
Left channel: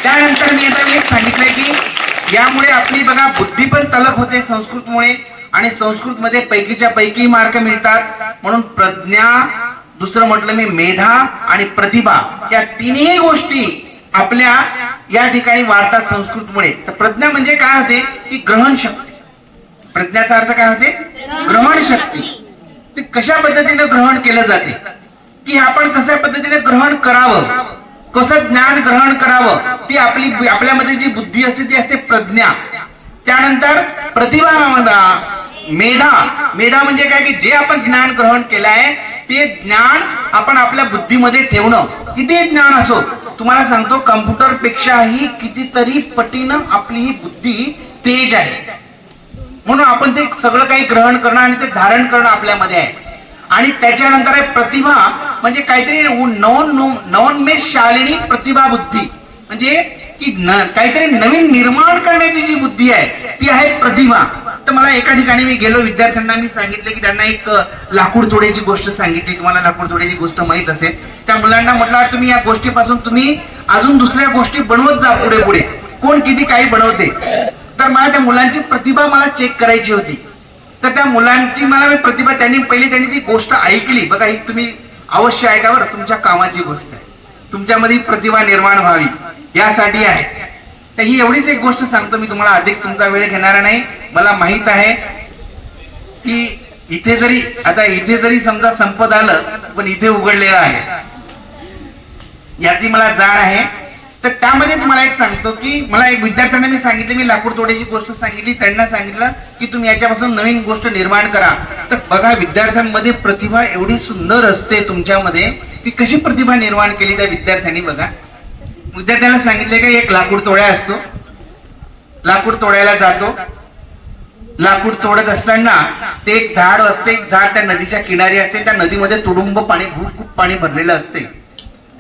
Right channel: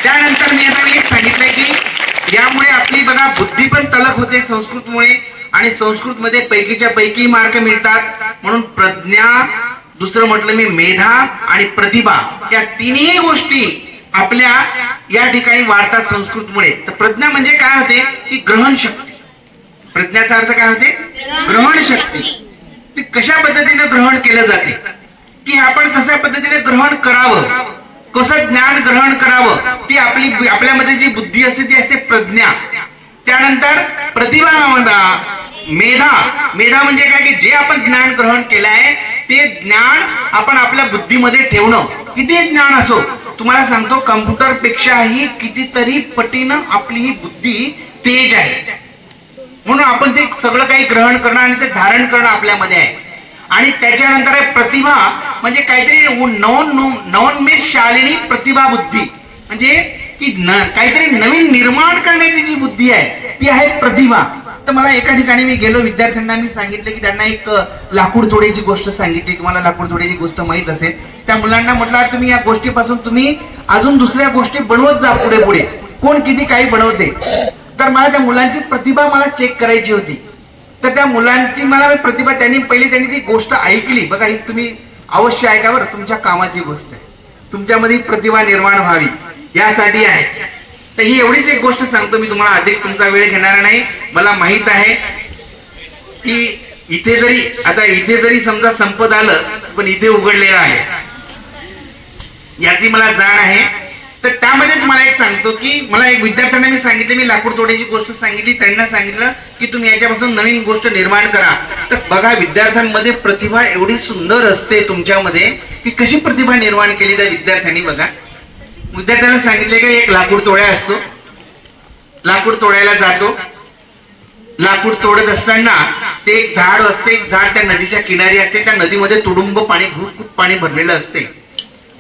त्यानंतर मी आता एक सांगितलंय की यामुळे आपली बघा बुद्धी पण तलप होते संस्कृतमुळे आणि संस्कृतमध्ये पैकीच्या पैकी मार्क मिळतात. म्हणून प्रज्ञा, दुसरं म्हटलं मी मेधा आणि प्रतिभा, या तिन्ही गोष्टी आपल्या या ठिकाणी वाढतात संस्कृतमुळे. तर प्रज्ञा म्हणजे काय होते की ग्रहण शक्ती. प्रज्ञाचा अर्थ काय होते? ग्रहण शक्ती. ते कशा पद्धतीने ग्रहण केलं जाते की आपण कशा पद्धतीने ग्रहण करावं, कसं ज्ञान ग्रहण करावं, ती आपल्यामध्ये जी बुद्धी असते ती असते प्रज्ञा. त्यानंतर प्रतिभा, मेधा म्हणजे काय की जे आपण ज्ञान ग्रहण केलं आहे ते ज्ञान आपण आपल्या बुद्धीमध्ये ठेवणं. किती ज्ञान असो, तुम्हाला सांगतो कम्प्युटर पेक्षाही कितीतरी पटीनं आपली ही बुद्धी तेज आहे. म्हणून आपण ते सगळं काही ग्रहण करणं आणि ते धारण करणं आपल्यामध्ये आहे. आणि त्याच्यानंतर आहे प्रतिभा, म्हणजे काहीतरी नवोन्मेष शालिनी प्रतिभा बुद्धी, म्हणजे की काहीतरी नवीन निर्माण करण्याची जी बुद्धी आहे ती आहे प्रतिभा. तर मला एका ठिकाणी मी गेलो, विद्यार्थ्यांना मी सांगितलं की त्यांना एक लाकूड तोड्याची गोष्ट सांगितली. तुम्हाला लाकूड तोड्याची गोष्ट माहित असेल. त्या मुलांना म्हटलं तुम्ही या गोष्टीपासून तुम्ही अजून दुसऱ्या गोष्टी बनवत जा पुढे पुढे, कोण किती काही बनवते. तर मला त्या मुलांची प्रतिभा मला चेक करायची होती. तर त्या मुलांची मला प्रतिभा त्यांनी ती गोष्ट ऐकली. बघा ही तुम्ही अवश्य ऐका बरं, तुमच्या कामाची गोष्ट आहे, तुमच्यामध्ये प्रतिभा निर्माण व्हावी यासाठी आहे. तर ही एवढीच एक गोष्ट सांगतो मी तुम्हाला, अधिक तुमचा वेळ घेणार नाही. मला माहित आहे की इथे जरी समजा संपत आलं पण इथे उघडलेलं आहे याची मला जाण आहे. तर त्यामध्ये तुम्हाला एक सांगतो की मला एक विद्यार्थ्यांना मी सांगितलं, मी लाकूड तोडायची गोष्ट सांगितली, त्यांना सांगितलं की तुम्ही याच्यापासून नवीन गोष्ट निर्माण करा. तर बघा विद्यार्थ्यांमध्ये प्रतिभा एवढी सुंदर असते तुमच्यामध्ये की कशी प्रतिभा निर्माण केली त्या विद्यार्थ्यांनी. बघा विद्यार्थ्यांना सांगितले की एक लाकूड तोड्या असतो, लाकूड तोडायला जातो. लाकूड तोडत असताना ते एक झाड असते, एक झाड त्या नदीच्या किनारी असते, त्या नदीमध्ये तुडुंब पाणी, खूप पाणी भरलेलं असते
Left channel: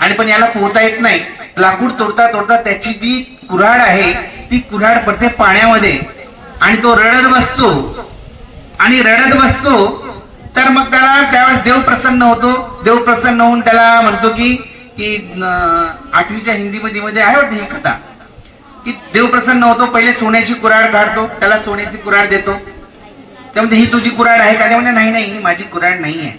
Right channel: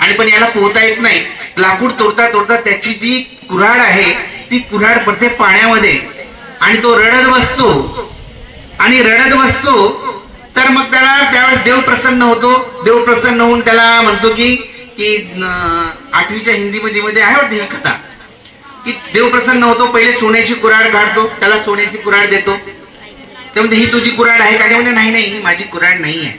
आणि पण याला पोहता येत नाही. लाकूड तोडता तोडता त्याची जी कुऱ्हाड आहे ती कुऱ्हाड पडते पाण्यामध्ये आणि तो रडत बसतो आणि रडत बसतो. तर मग त्याला त्यावेळेस देव प्रसन्न होतो. देव प्रसन्न होऊन त्याला म्हणतो की 8वीच्या हिंदीमध्ये आहे वाटतं ही कथा की देव प्रसन्न होतो. पहिले सोन्याची कुऱ्हाड काढतो, त्याला सोन्याची कुऱ्हाड देतो. त्यामध्ये ही तुझी कुऱ्हाड आहे का? ते म्हणजे नाही नाही, ही माझी कुऱ्हाड नाही आहे,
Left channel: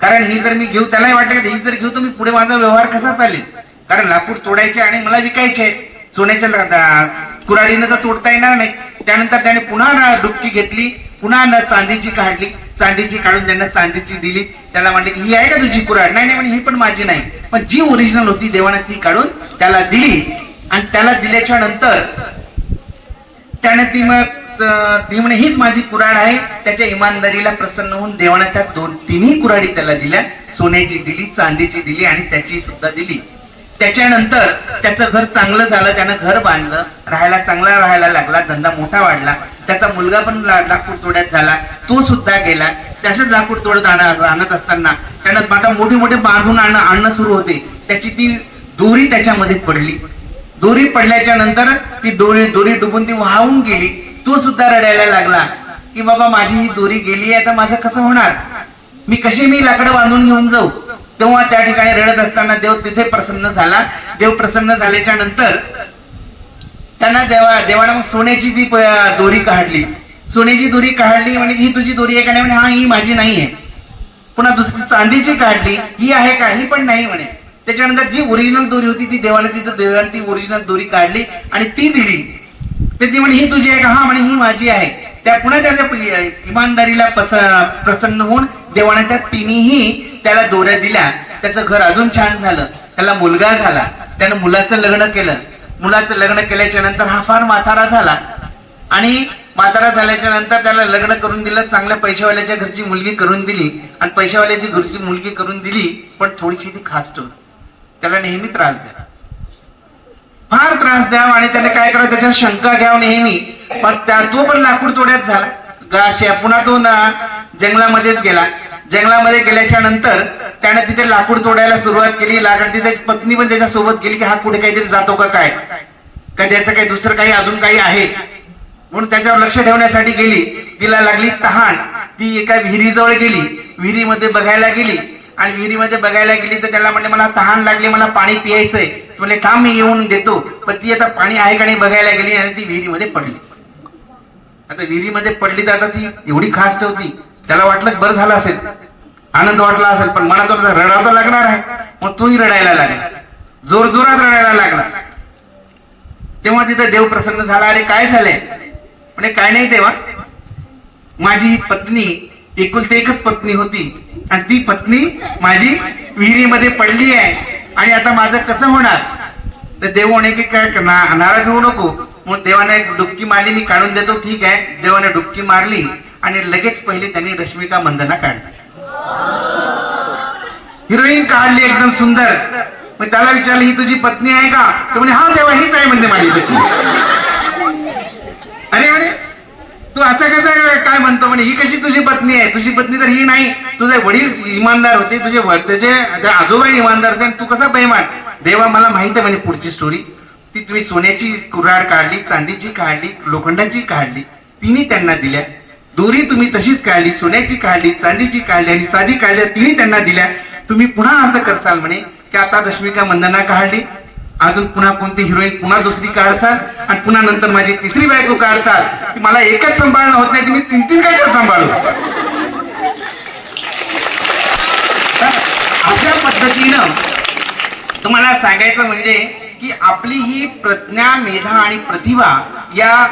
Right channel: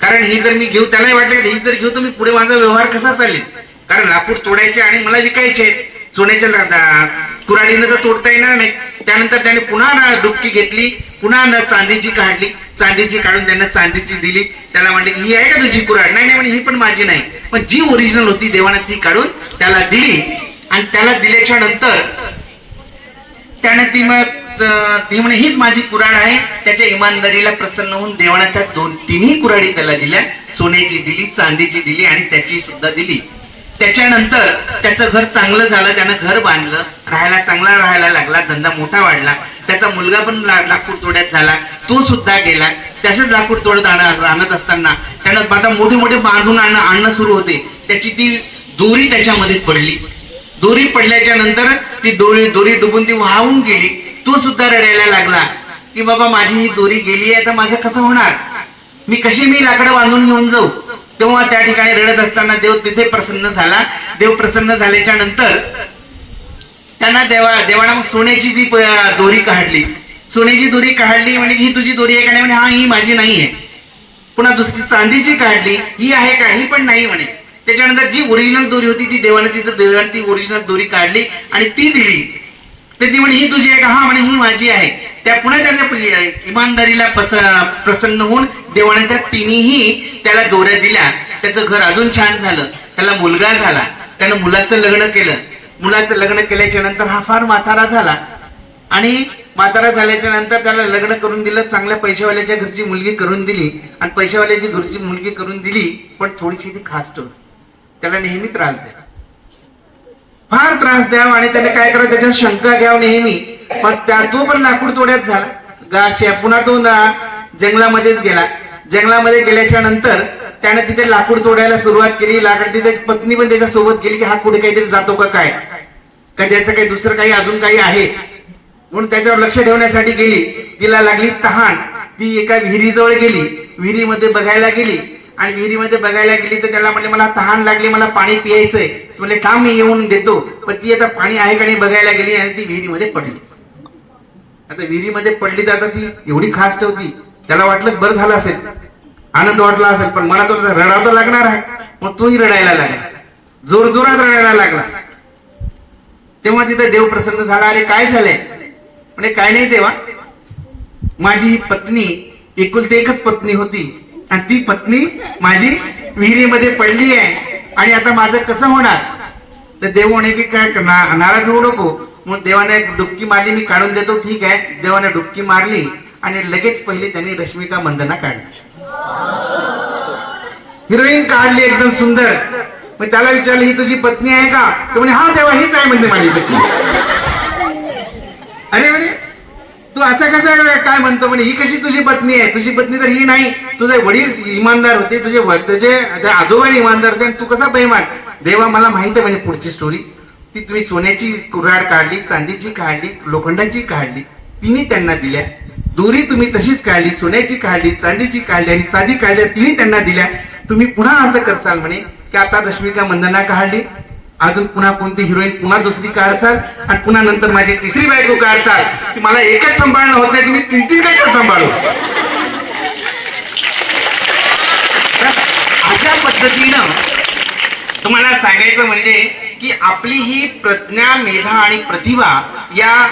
कारण ही जर मी घेऊ, त्यालाही वाटतं की ही जर घेऊ तर मी पुढे माझा व्यवहार कसा चालेल, कारण लाकूड तोडायचे आणि मला विकायचे. सोन्याच्या कुऱ्हाडीनं तर तोडता येणार नाही. त्यानंतर त्याने पुन्हा डुबकी घेतली, पुन्हा चांदीची काढली, चांदीची काढून त्यांना चांदीची दिली. त्याला म्हणले की ही आहे का तुझी कुऱ्हाड? नाही नाही म्हणे, ही पण माझी नाही. पण जी ओरिजिनल होती देवाने ती काढून त्याला दिली आणि त्याला दिल्याच्या नंतर त्याने ती म्हणे हीच माझी कुऱ्हाड आहे. त्याच्या इमानदारीला प्रसन्न होऊन देवाने त्या तिन्ही कुऱ्हाडी त्याला दिल्या, सोन्याची दिली, चांदीची दिली आणि त्याची सुद्धा दिली. त्याच्यानंतर त्याचं घर चांगलं झालं, त्यानं घर बांधलं, चांगला राहायला लागला, धंदा मोठा वाढला. त्याचा मुलगा पण लाकूड तोड्यात झाला, तो सुद्धा गेला. तसेच लाकूड तोडत आणत असताना त्यानं आता मोठे मोठे बांधून आणणं सुरू होते. त्याची ती दोरी त्याच्यामध्ये पडली. दोरी पडल्याच्या नंतर ती दोरी डुबून ती वाहून गेली. तो सुद्धा रडायला लागला की बाबा माझी ही दोरी गेली आहे, आता माझं कसं होणार, मी लाकडं बांधून घेऊन जाऊ. तेव्हा त्या ठिकाणी रडत असताना देव तिथे प्रसन्न झाला. देव प्रसन्न झाल्याच्या नंतर त्यांना देवाला सोन्याची ती दोरी काढली. सोन्याची दोरी काढली म्हणजे ही तुझी दोरी आहे का? नाही म्हणे, हा ही माझी नाही आहे. पुन्हा दुसरी चांदीची काढली, ही आहे का? ही पण नाही म्हणे. त्याच्यानंतर जी ओरिजिनल दोरी होती ती देवाने ती ओरिजिनल दोरी काढली आणि ती दिली. ती म्हणे ही तुझी आहे का? हा म्हणे, ही माझी आहे. त्या पुन्हा त्याच्या इमानदारीला प्रसन्न होऊन देवाने त्या तिन्ही त्याला दोऱ्या दिल्या. त्याचं घर अजून छान झालं, त्याला मुलगा झाला, त्यानं मुलाचं लग्न केलं. मुलाचं लग्न केल्याच्या नंतर हा फार म्हातारा झाला आणि म्हातारा झाल्याच्या नंतर त्याला लग्न करून दिलं. चांगल्या पैशावाल्याच्या घरची मुलगी करून दिली आणि पैशावाल्याची घरची मुलगी करून दिली, पण थोडीशी ती खास्ट होती. त्याला नेहमी त्रास द्या, फार त्रास द्या आणि त्याने काय करावं त्याच्यावर शंका घ्यावं नेहमी. पण तो पण लाकूड तोड्यात झाला. पुन्हा तो जंगलामध्येच गेला. जंगलामध्ये गेल्याच्या नंतर त्याने तिथे लाकूड तोडायला सुरुवात केली. लाकूड तिथे पत्नी पण त्याच्या सोबत गेली की हा कुठे काहीतरी जातो का काय, का त्याचं काही दुसरं काही अजून काही आहे म्हणून त्याच्यावर लक्ष ठेवण्यासाठी गेली. तिला लागली तहान. ती एका विहिरीजवळ गेली, विहिरीमध्ये बघायला गेली आणि विहिरीमध्ये बघायला गेली तर त्याला म्हणले मला तहान लागली, मला पाणी पियायचंय. म्हणजे थांब मी येऊन देतो. पण ती आता पाणी आहे का नाही बघायला गेली आणि ती विहिरीमध्ये पडली. आता विहिरीमध्ये पडली तर आता ती एवढी खास्ट होती, त्याला वाटलं बरं झालं असेल, आनंद वाटला असेल, पण मला तो रडावं तर लागणार आहे. मग तोही रडायला लागला, जोर जोरात रडायला लागला. तेव्हा तिथं देव प्रसन्न झाला. अरे काय झालंय? म्हणजे काय नाही तेव्हा, माझी ही पत्नी एकुलती एकच पत्नी होती आणि ती पत्नी माझी विहिरीमध्ये पडली आहे आणि आता माझं कसं होणार? तर देव म्हणे की काय नाराज होऊ नको. म्हणून देवाने एक डुबकी मारली, मी काढून देतो. ठीक आहे. देवाने डुबकी मारली आणि लगेच पहिले त्यांनी रश्मिका मंदना काढली, हिरोईन काढली एकदम सुंदर. मग त्याला विचारलं ही तुझी पत्नी आहे का? तो म्हणे हा देवा हीच आहे म्हणते माझी पत्नी. अरे म्हणे तू असं कसं काय म्हणतो? म्हणे ही कशी तुझी पत्नी आहे? तुझी पत्नी तर ही नाही. तुझे वडील इमानदार होते, तुझे आजोबा इमानदार होते, तू कसा बेईमान? देवा मला माहित आहे म्हणजे पुढची स्टोरी. ती तुम्ही सोन्याची कुऱ्हाड काढली, चांदीची काढली, लोखंडाची काढली, तिन्ही त्यांना दिल्या. दोरी तुम्ही तशीच काढली, सोन्याची काढली, चांदीची काढली आणि साधी काढल्या, तिन्ही त्यांना दिल्या. तुम्ही पुन्हा असं करसाल म्हणे की आता रश्मिका मंदना काढली, अजून पुन्हा कोणती हिरोईन पुन्हा दुसरी काढसाल आणि पुन्हा नंतर माझी तिसरी बायको काढसाल की मला एकच सांभाळणं होत नाही, तुम्ही तीन तीन कशा सांभाळू? अशा पद्धतीनं तुम्हाला सांगायचं म्हणजे की आपली ही प्रज्ञा, मेधा आणि प्रतिभा या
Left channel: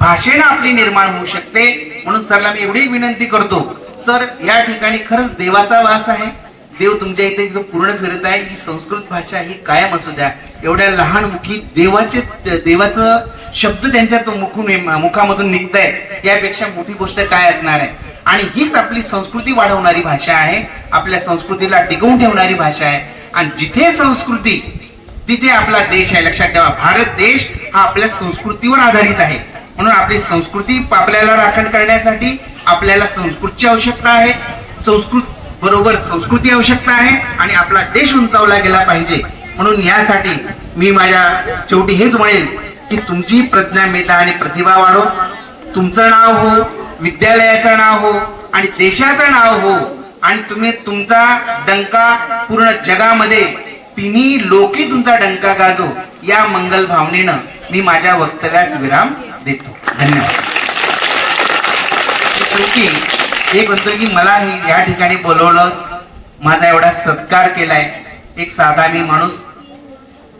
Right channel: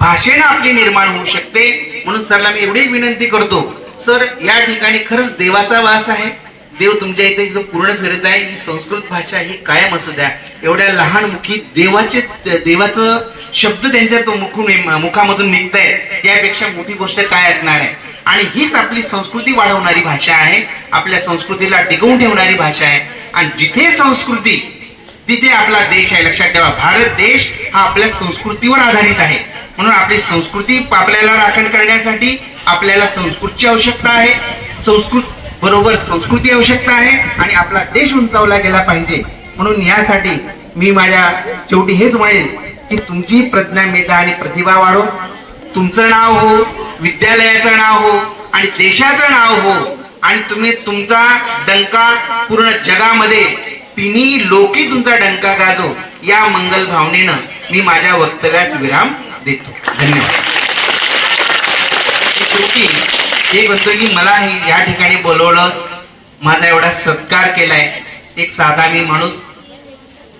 भाषेनं आपली निर्माण होऊ शकते. म्हणून सरला मी एवढी विनंती करतो, सर या ठिकाणी खरंच देवाचा वास आहे, देव तुमच्या इथे जो पूर्ण फिरत आहे, ही संस्कृत भाषा ही कायम असू द्या. एवढ्या लहान मुखी देवाचं शब्द त्यांच्या मुखामधून निघतायत, यापेक्षा मोठी गोष्ट काय असणार आहे. आणि हीच आपली संस्कृती वाढवणारी भाषा आहे, आपल्या संस्कृतीला टिकवून ठेवणारी भाषा आहे. आणि जिथे संस्कृती तिथे आपला देश आहे. लक्षात ठेवा, भारत देश हा आपल्या संस्कृतीवर आधारित आहे. म्हणून आपली संस्कृती आपल्याला राखण करण्यासाठी आपल्याला संस्कृतची आवश्यकता आहे, संस्कृत बरोबर संस्कृती आवश्यकता आहे, आणि आपला देश उंचावला गेला पाहिजे. म्हणून यासाठी मी माझ्या शेवटी हेच म्हणेन की तुमची प्रज्ञामेधा आणि प्रतिभा वाढो, तुमचं नाव हो, विद्यालयाचं नाव हो आणि देशाचं नाव हो, आणि तुम्ही तुमचा डंका पूर्ण जगामध्ये तिन्ही लोकी तुमचा डंका गाजो, या मंगल भावनेनं मी माझ्या वक्तव्यास विराम देतो. धन्यवाद. शेवटी एक म्हणतो की मला या ठिकाणी बोलवलं, माझा एवढा सत्कार केलाय, एक साधा मी माणूस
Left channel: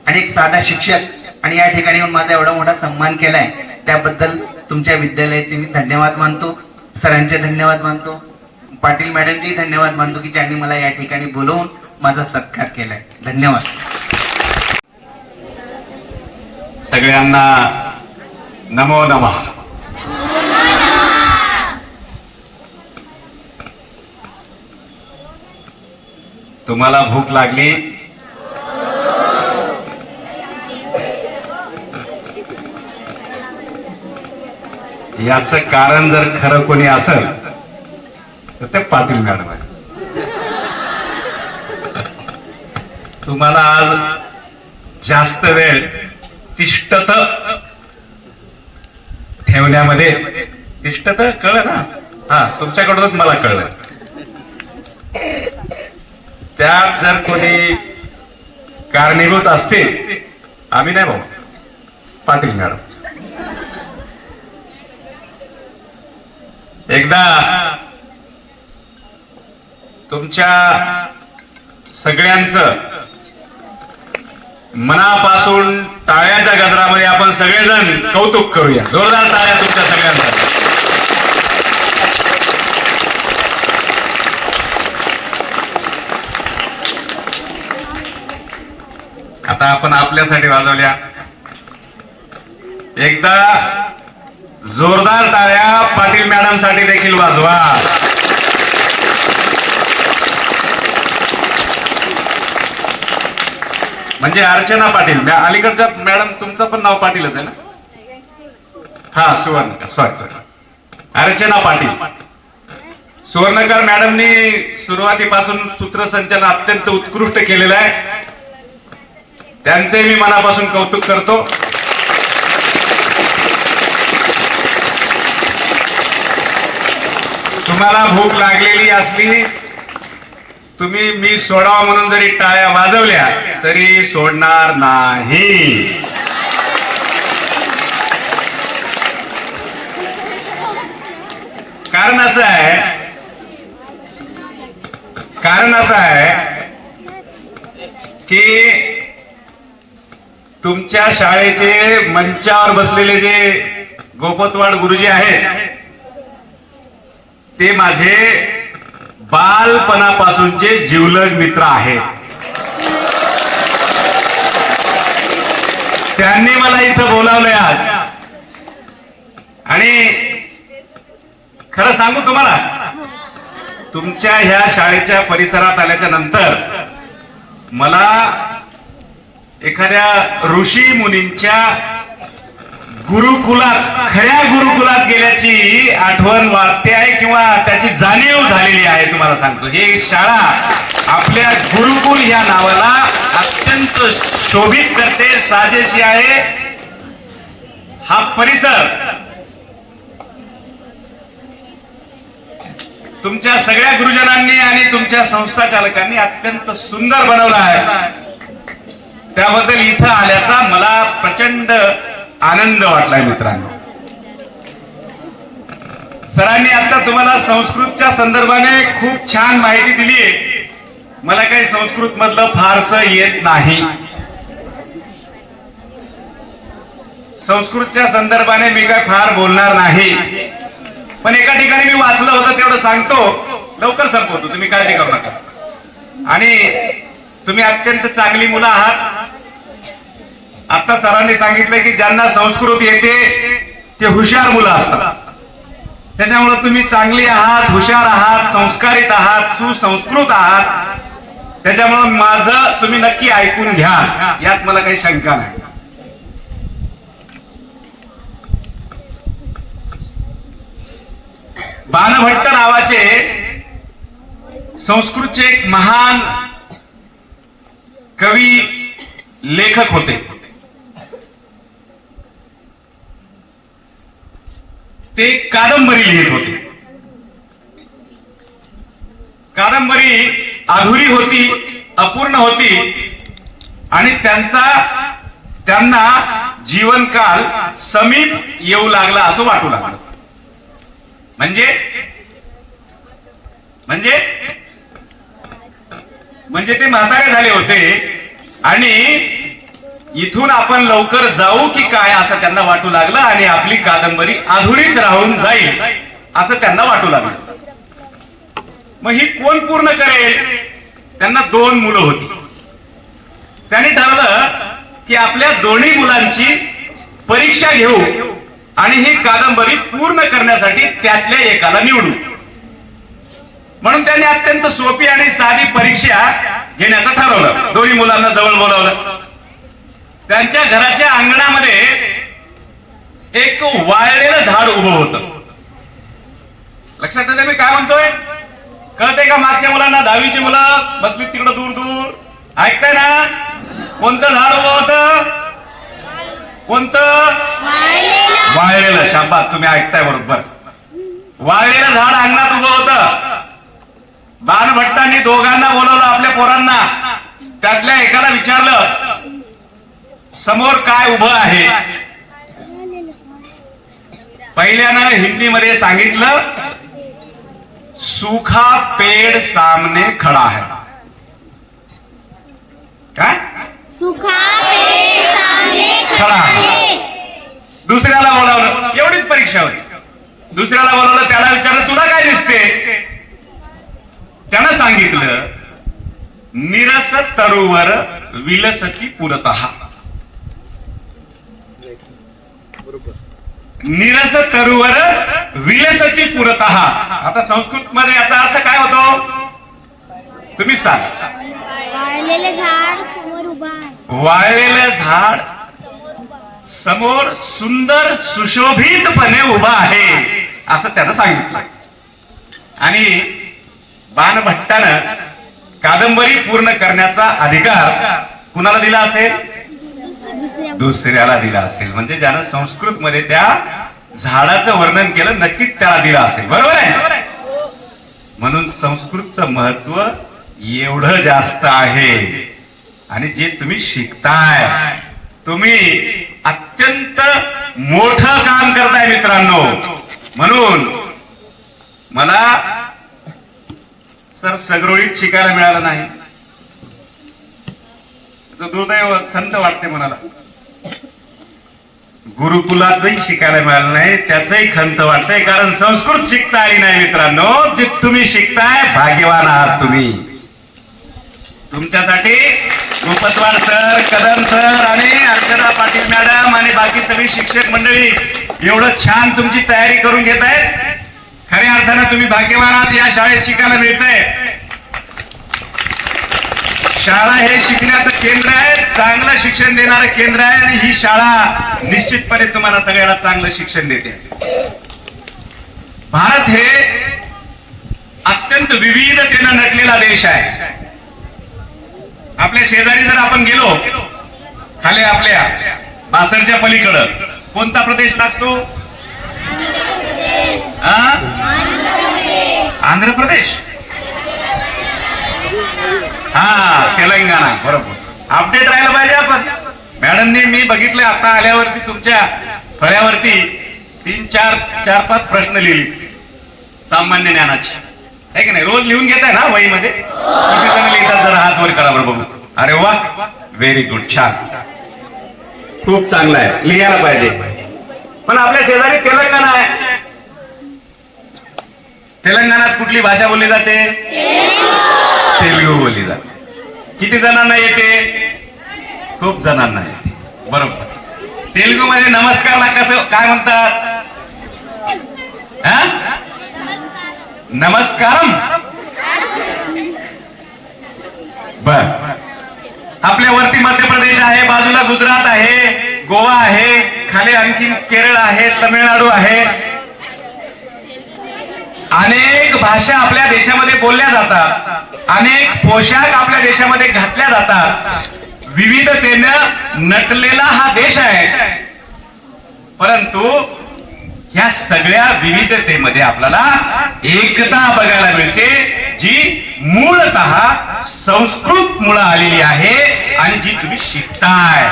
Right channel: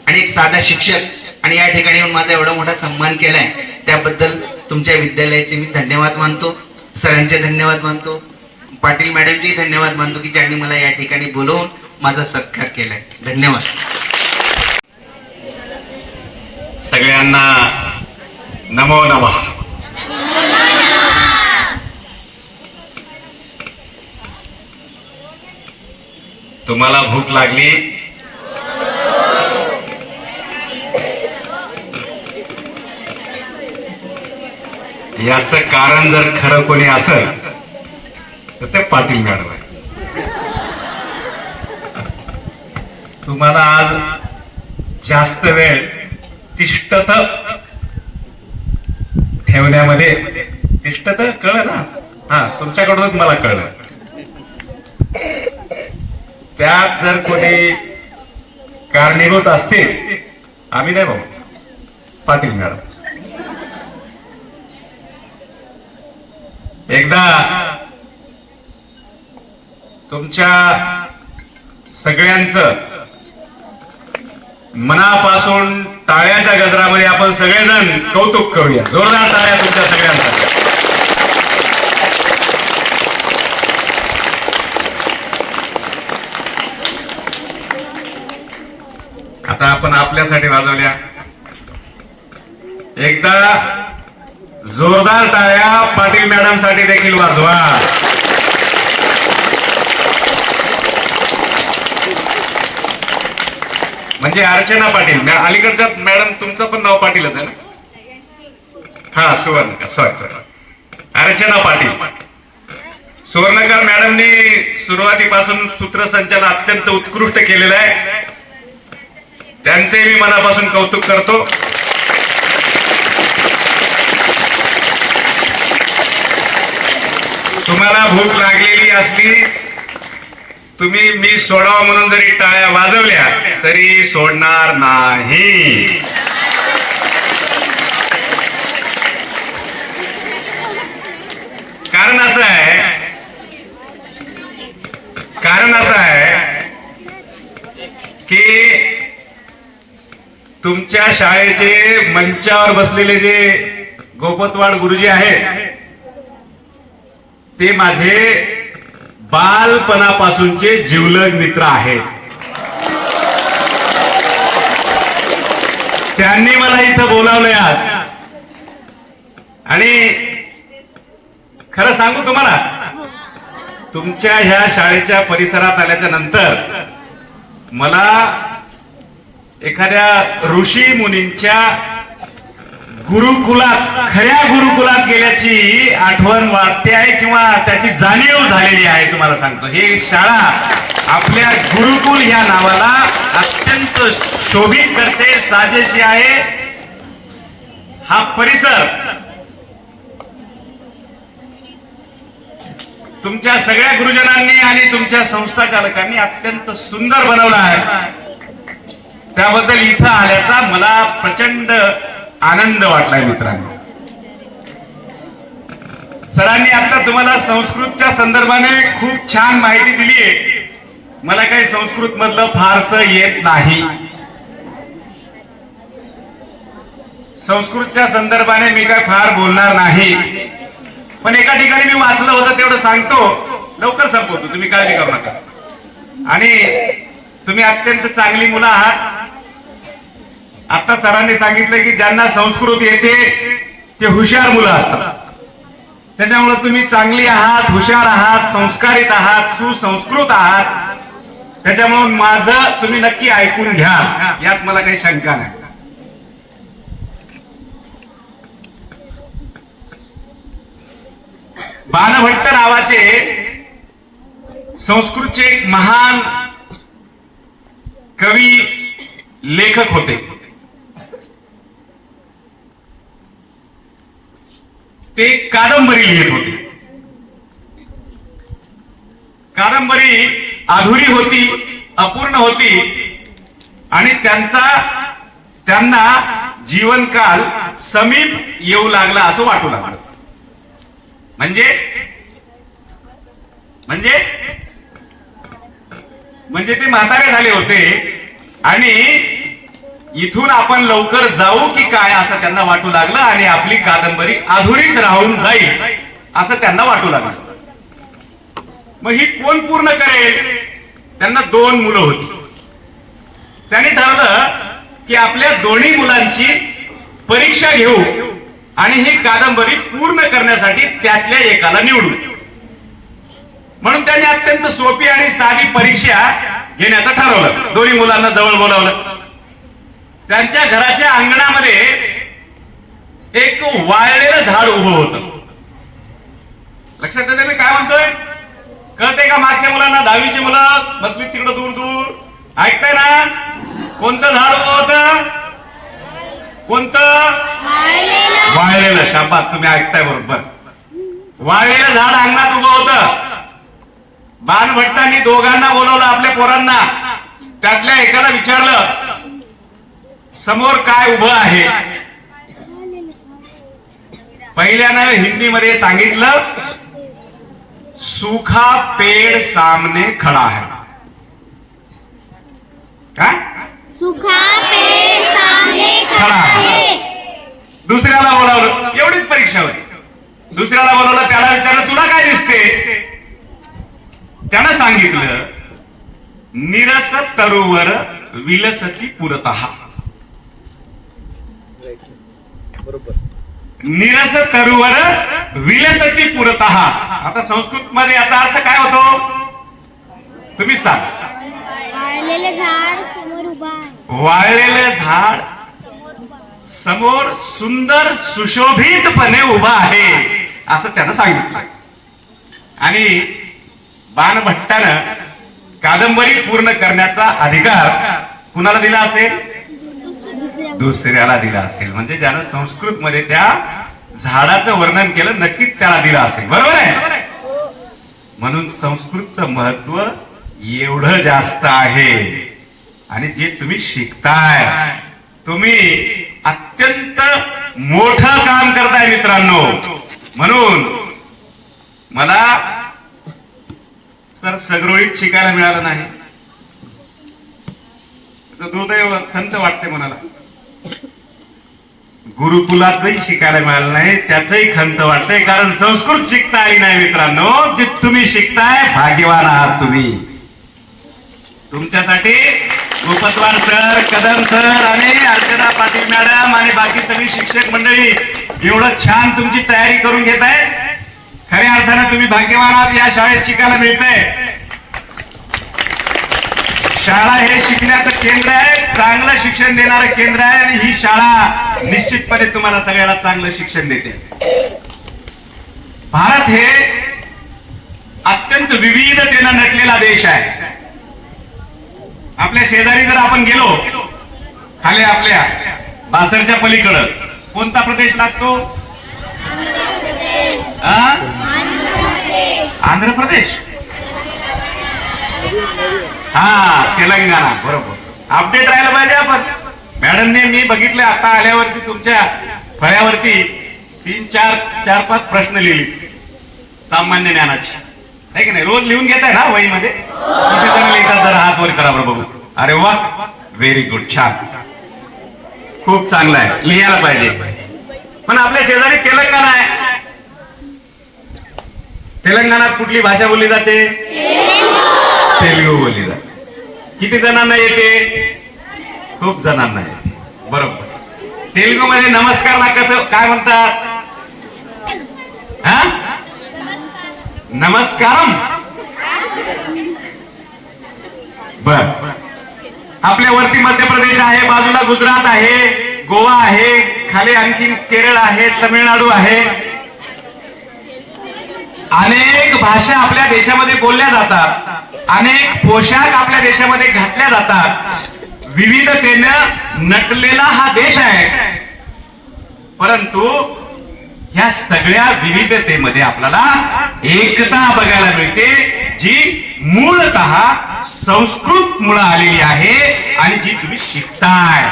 आणि एक साधा शिक्षक, आणि या ठिकाणी माझा एवढा मोठा सन्मान केलाय, त्याबद्दल तुमच्या विद्यालयाचे मी धन्यवाद मानतो, सरांचे धन्यवाद मानतो, पाटील मॅडमचे धन्यवाद मानतो की ज्यांनी मला या ठिकाणी बोलवून माझा सत्कार केलाय. धन्यवाद. सगळ्यांना नमो नमः. तुम्हाला भूक लागली? याचं कारण जर खरं कोणी असेल तर ते पाटील मॅडम आहे. तुम्हाला आज जास्त वेळ तिष्ठत ठेवण्यामध्ये, तिष्ठत कळलं ना? हा, तुमच्याकडूनच मला कळलं. त्यात जर कोणी कारणीभूत असतील, आम्ही नाही भाऊ, पाटील मॅडम. एकदा तुमच्या सगळ्यांचं मनापासून टाळ्याच्या गजरामध्ये आपण सगळेजण कौतुक करूया. जोरदार टाळ्या तुमच्या सगळ्यांचं. आता आपण आपल्यासाठी वाजवल्या. एकदा जोरदार टाळ्या पाटील मॅडम साठी देखील वाजवा. म्हणजे अर्चना पाटील, अलीकडच्या मॅडम तुमचं पण नाव पाटीलच आहे ना? हा, सुवर्णकर, सॉरी, अर्चना पाटील. सुवर्णकर मॅडमनी सुरुवातीपासून सूत्रसंचालन अत्यंत उत्कृष्ट केलेलं आहे, त्यांचे मी मनापासून कौतुक करतो. तुम्हाला भूक लागलेली असली, तुम्ही मी सोडावं म्हणून जरी टाळ्या वाजवल्या तरी सोडणार नाही. कारण असं आहे की तुमच्या शाळेचे मंचावर बसलेले जे गोपतवाड गुरुजी आहेत ते माझे बालपणापासूनचे जिवलग मित्र आहेत. त्यांनी मला इथं बोलावलंय आज. आणि खरं सांगू तुम्हाला, तुमच्या ह्या शाळेच्या परिसरात आल्याच्या नंतर मला एखाद्या ऋषी मुनींच्या गुरुकुलात, खऱ्या गुरुकुलात गेल्याची आठवण वाटते आहे किंवा त्याची जाणीव झालेली आहे. तुम्हाला सांगतो, ही शाळा आपल्या गुरुकुल या नावाला अत्यंत शोभित करते, साजेशी आहे. हा परिसर तुमच्या सगळ्या गुरुजनांनी आणि तुमच्या संस्था चालकांनी अत्यंत सुंदर बनवला आहे. त्याबद्दल इथं आल्याचा मला प्रचंड आनंद वाटलाय मित्रांनो. सरांनी आता तुम्हाला संस्कृतच्या संदर्भाने खूप छान माहिती दिली आहे. मला काही संस्कृत मधलं फारसं येत नाही. संस्कृतच्या संदर्भाने मी काय फार बोलणार नाही, पण एका ठिकाणी मी वाचलं होतं तेवढं सांगतो, लवकर संपवतो, तुम्ही काळजी करू नका. आणि तुम्ही अत्यंत चांगली मुलं आहात. आता सरांनी सांगितलं की ज्यांना संस्कृत येते ते हुशार मुलं असतात. त्याच्यामुळे तुम्ही चांगली आहात, हुशार आहात, संस्कारित आहात, सुसंस्कृत आहात. त्याच्यामुळे माझं तुम्ही नक्की ऐकून घ्या, यात मला काही शंका नाही. बाणभट्ट नावाचे संस्कृतचे एक महान कवी लेखक होते. ते कादंबरी लिहित होते. कादंबरी अधुरी होती, अपूर्ण होती आणि त्यांना जीवनकाल समीप येऊ लागला असं वाटू लागलं. म्हणजे ते म्हातारे झाले होते आणि इथून आपण लवकर जाऊ की काय असं त्यांना वाटू लागलं आणि आपली कादंबरी अधुरीच राहून जाईल असं त्यांना वाटू लागलं. मग ही कोण पूर्ण करेल? त्यांना 2 मुलं होती. त्यांनी ठरवलं की आपल्या दोन्ही मुलांची परीक्षा घेऊ आणि ही कादंबरी पूर्ण करण्यासाठी त्यातल्या एकाला निवडू. म्हणून त्यांनी अत्यंत सोपी आणि साधी परीक्षा घेण्याचं ठरवलं. दोन्ही मुलांना जवळ बोलावलं. त्यांच्या घराच्या अंगणामध्ये एक वाळलेलं झाड उभं होतं. लक्षात येते मी काय म्हणतोय? कळते का? मागच्या मुलांना, 10वीची मुलं बसली तिकडं दूर दूर, ऐकताय ना? कोणतं झाड उभं होतं? कोणतं? वाळलेलं. शाबास, तुम्ही ऐकताय बरोबर. वाळलेलं झाड अंगणात उभं होतं. बाणभट्टांनी दोघांना बोलवलं, आपल्या पोरांना. त्यातल्या एकाला विचारलं, समोर काय उभं आहे? पहिल्यानं हिंदीमध्ये सांगितलं, सूखा पेड़ सामने खड़ा है. काय? सूखा पेड़ सामने खड़ा है. दुसऱ्याला बोलावलं. एवढीच परीक्षा होती. दुसऱ्याला बोलावलं, त्याला विचारलं, तुला काय दिसते? त्यानं सांगितलं, निरस तरुवर विलसती पुरतः. निरस तरुवर विलसती पुरतः. आता संस्कृत मध्ये याचा अर्थ काय होतो? तुम्ही सांग. वाळलेलं झाड समोर उभा आहे. वाळलेलं झाड समोर सुंदर सुशोभितपणे उभा आहे असं त्यानं सांगितलं. आणि बाणभट्टानं कादंबरी पूर्ण करण्याचा अधिकार कुणाला दिला असेल? दुसऱ्याला दिला असेल. म्हणजे ज्यानं संस्कृत मध्ये त्या झाडाचं वर्णन केलं, नक्कीच त्याला दिला असेल. बरोबर आहे? म्हणून संस्कृतचं महत्व एवढं जास्त आहे. आणि जे तुम्ही शिकताय, तुम्ही अत्यंत मोठं काम करताय मित्रांनो. म्हणून मला सर सगरोळीत शिकायला मिळालं नाही. दुर्दैव, खंत वाटते मनाला. गुरुकुलातही शिकायला मिळालं नाही, त्याचंही खंत वाटतंय. कारण संस्कृत शिकता आली नाही मित्रांनो. जे तुम्ही शिकताय, भाग्यवान आहात तुम्ही. तुमच्यासाठी रुपतवार सर, कदम सर आणि अर्चना पाटील मॅडम आणि बाकी सगळी शिक्षक मंडळी एवढं छान तुमची तयारी करून घेत आहे. खऱ्या अर्थानं तुम्ही भाग्यवान आहात. या शाळेत शिकायला मिळतंय. शाळा हे शिकण्याचं केंद्र आहे, चांगलं शिक्षण देणारं केंद्र आहे. आणि ही शाळा निश्चितपणे तुम्हाला सगळ्याला चांगलं शिक्षण देते. भारत हे अत्यंत विविधतेनं नटलेला देश आहे. आपल्या शेजारी जर आपण गेलो, खाली आपल्या बासरच्या पलीकडं कोणता प्रदेश लागतो? आंध्र प्रदेश. हा, तेलंगणा. बरोबर. अपडेट राहायला पाहिजे आपण. मॅडमने मी बघितलं आता आल्यावरती तुमच्या फळ्यावरती 3-4-5 प्रश्न लिहिले सामान्य ज्ञानाचे, आहे की नाही? रोज लिहून घेत आहे ना वहीमध्ये? किती चांगले लिहितात, जरा हात वर करा बरं बघू. अरे वा, व्हेरी गुड, छान, खूप चांगलं आहे. लिहायला पाहिजे. पण आपल्या शेजारी तेलंगणा आहे. तेलंगणात कुठली भाषा बोलली जाते? तेलुगू बोलली जाते. किती जणांना येते? खूप जणांना येते. बरोबर. तेलुगू मध्ये नमस्कारला कसं काय म्हणतात? हा? नमस्कारम. बर. आपल्या वरती मध्य प्रदेश आहे, बाजूला गुजरात आहे, गोवा आहे, खाली आणखी केरळ आहे, तमिळनाडू आहे. अनेक भाषा आपल्या देशामध्ये बोलल्या जातात, अनेक पोशाख आपल्या देशामध्ये घातल्या जातात. विविधतेनं नटलेला हा देश आहे. परंतु या सगळ्या विविधतेमध्ये आपल्याला एकता बघायला मिळते, जी मूळतः संस्कृत मुळे आलेली आहे आणि जी तुम्ही शिकताय.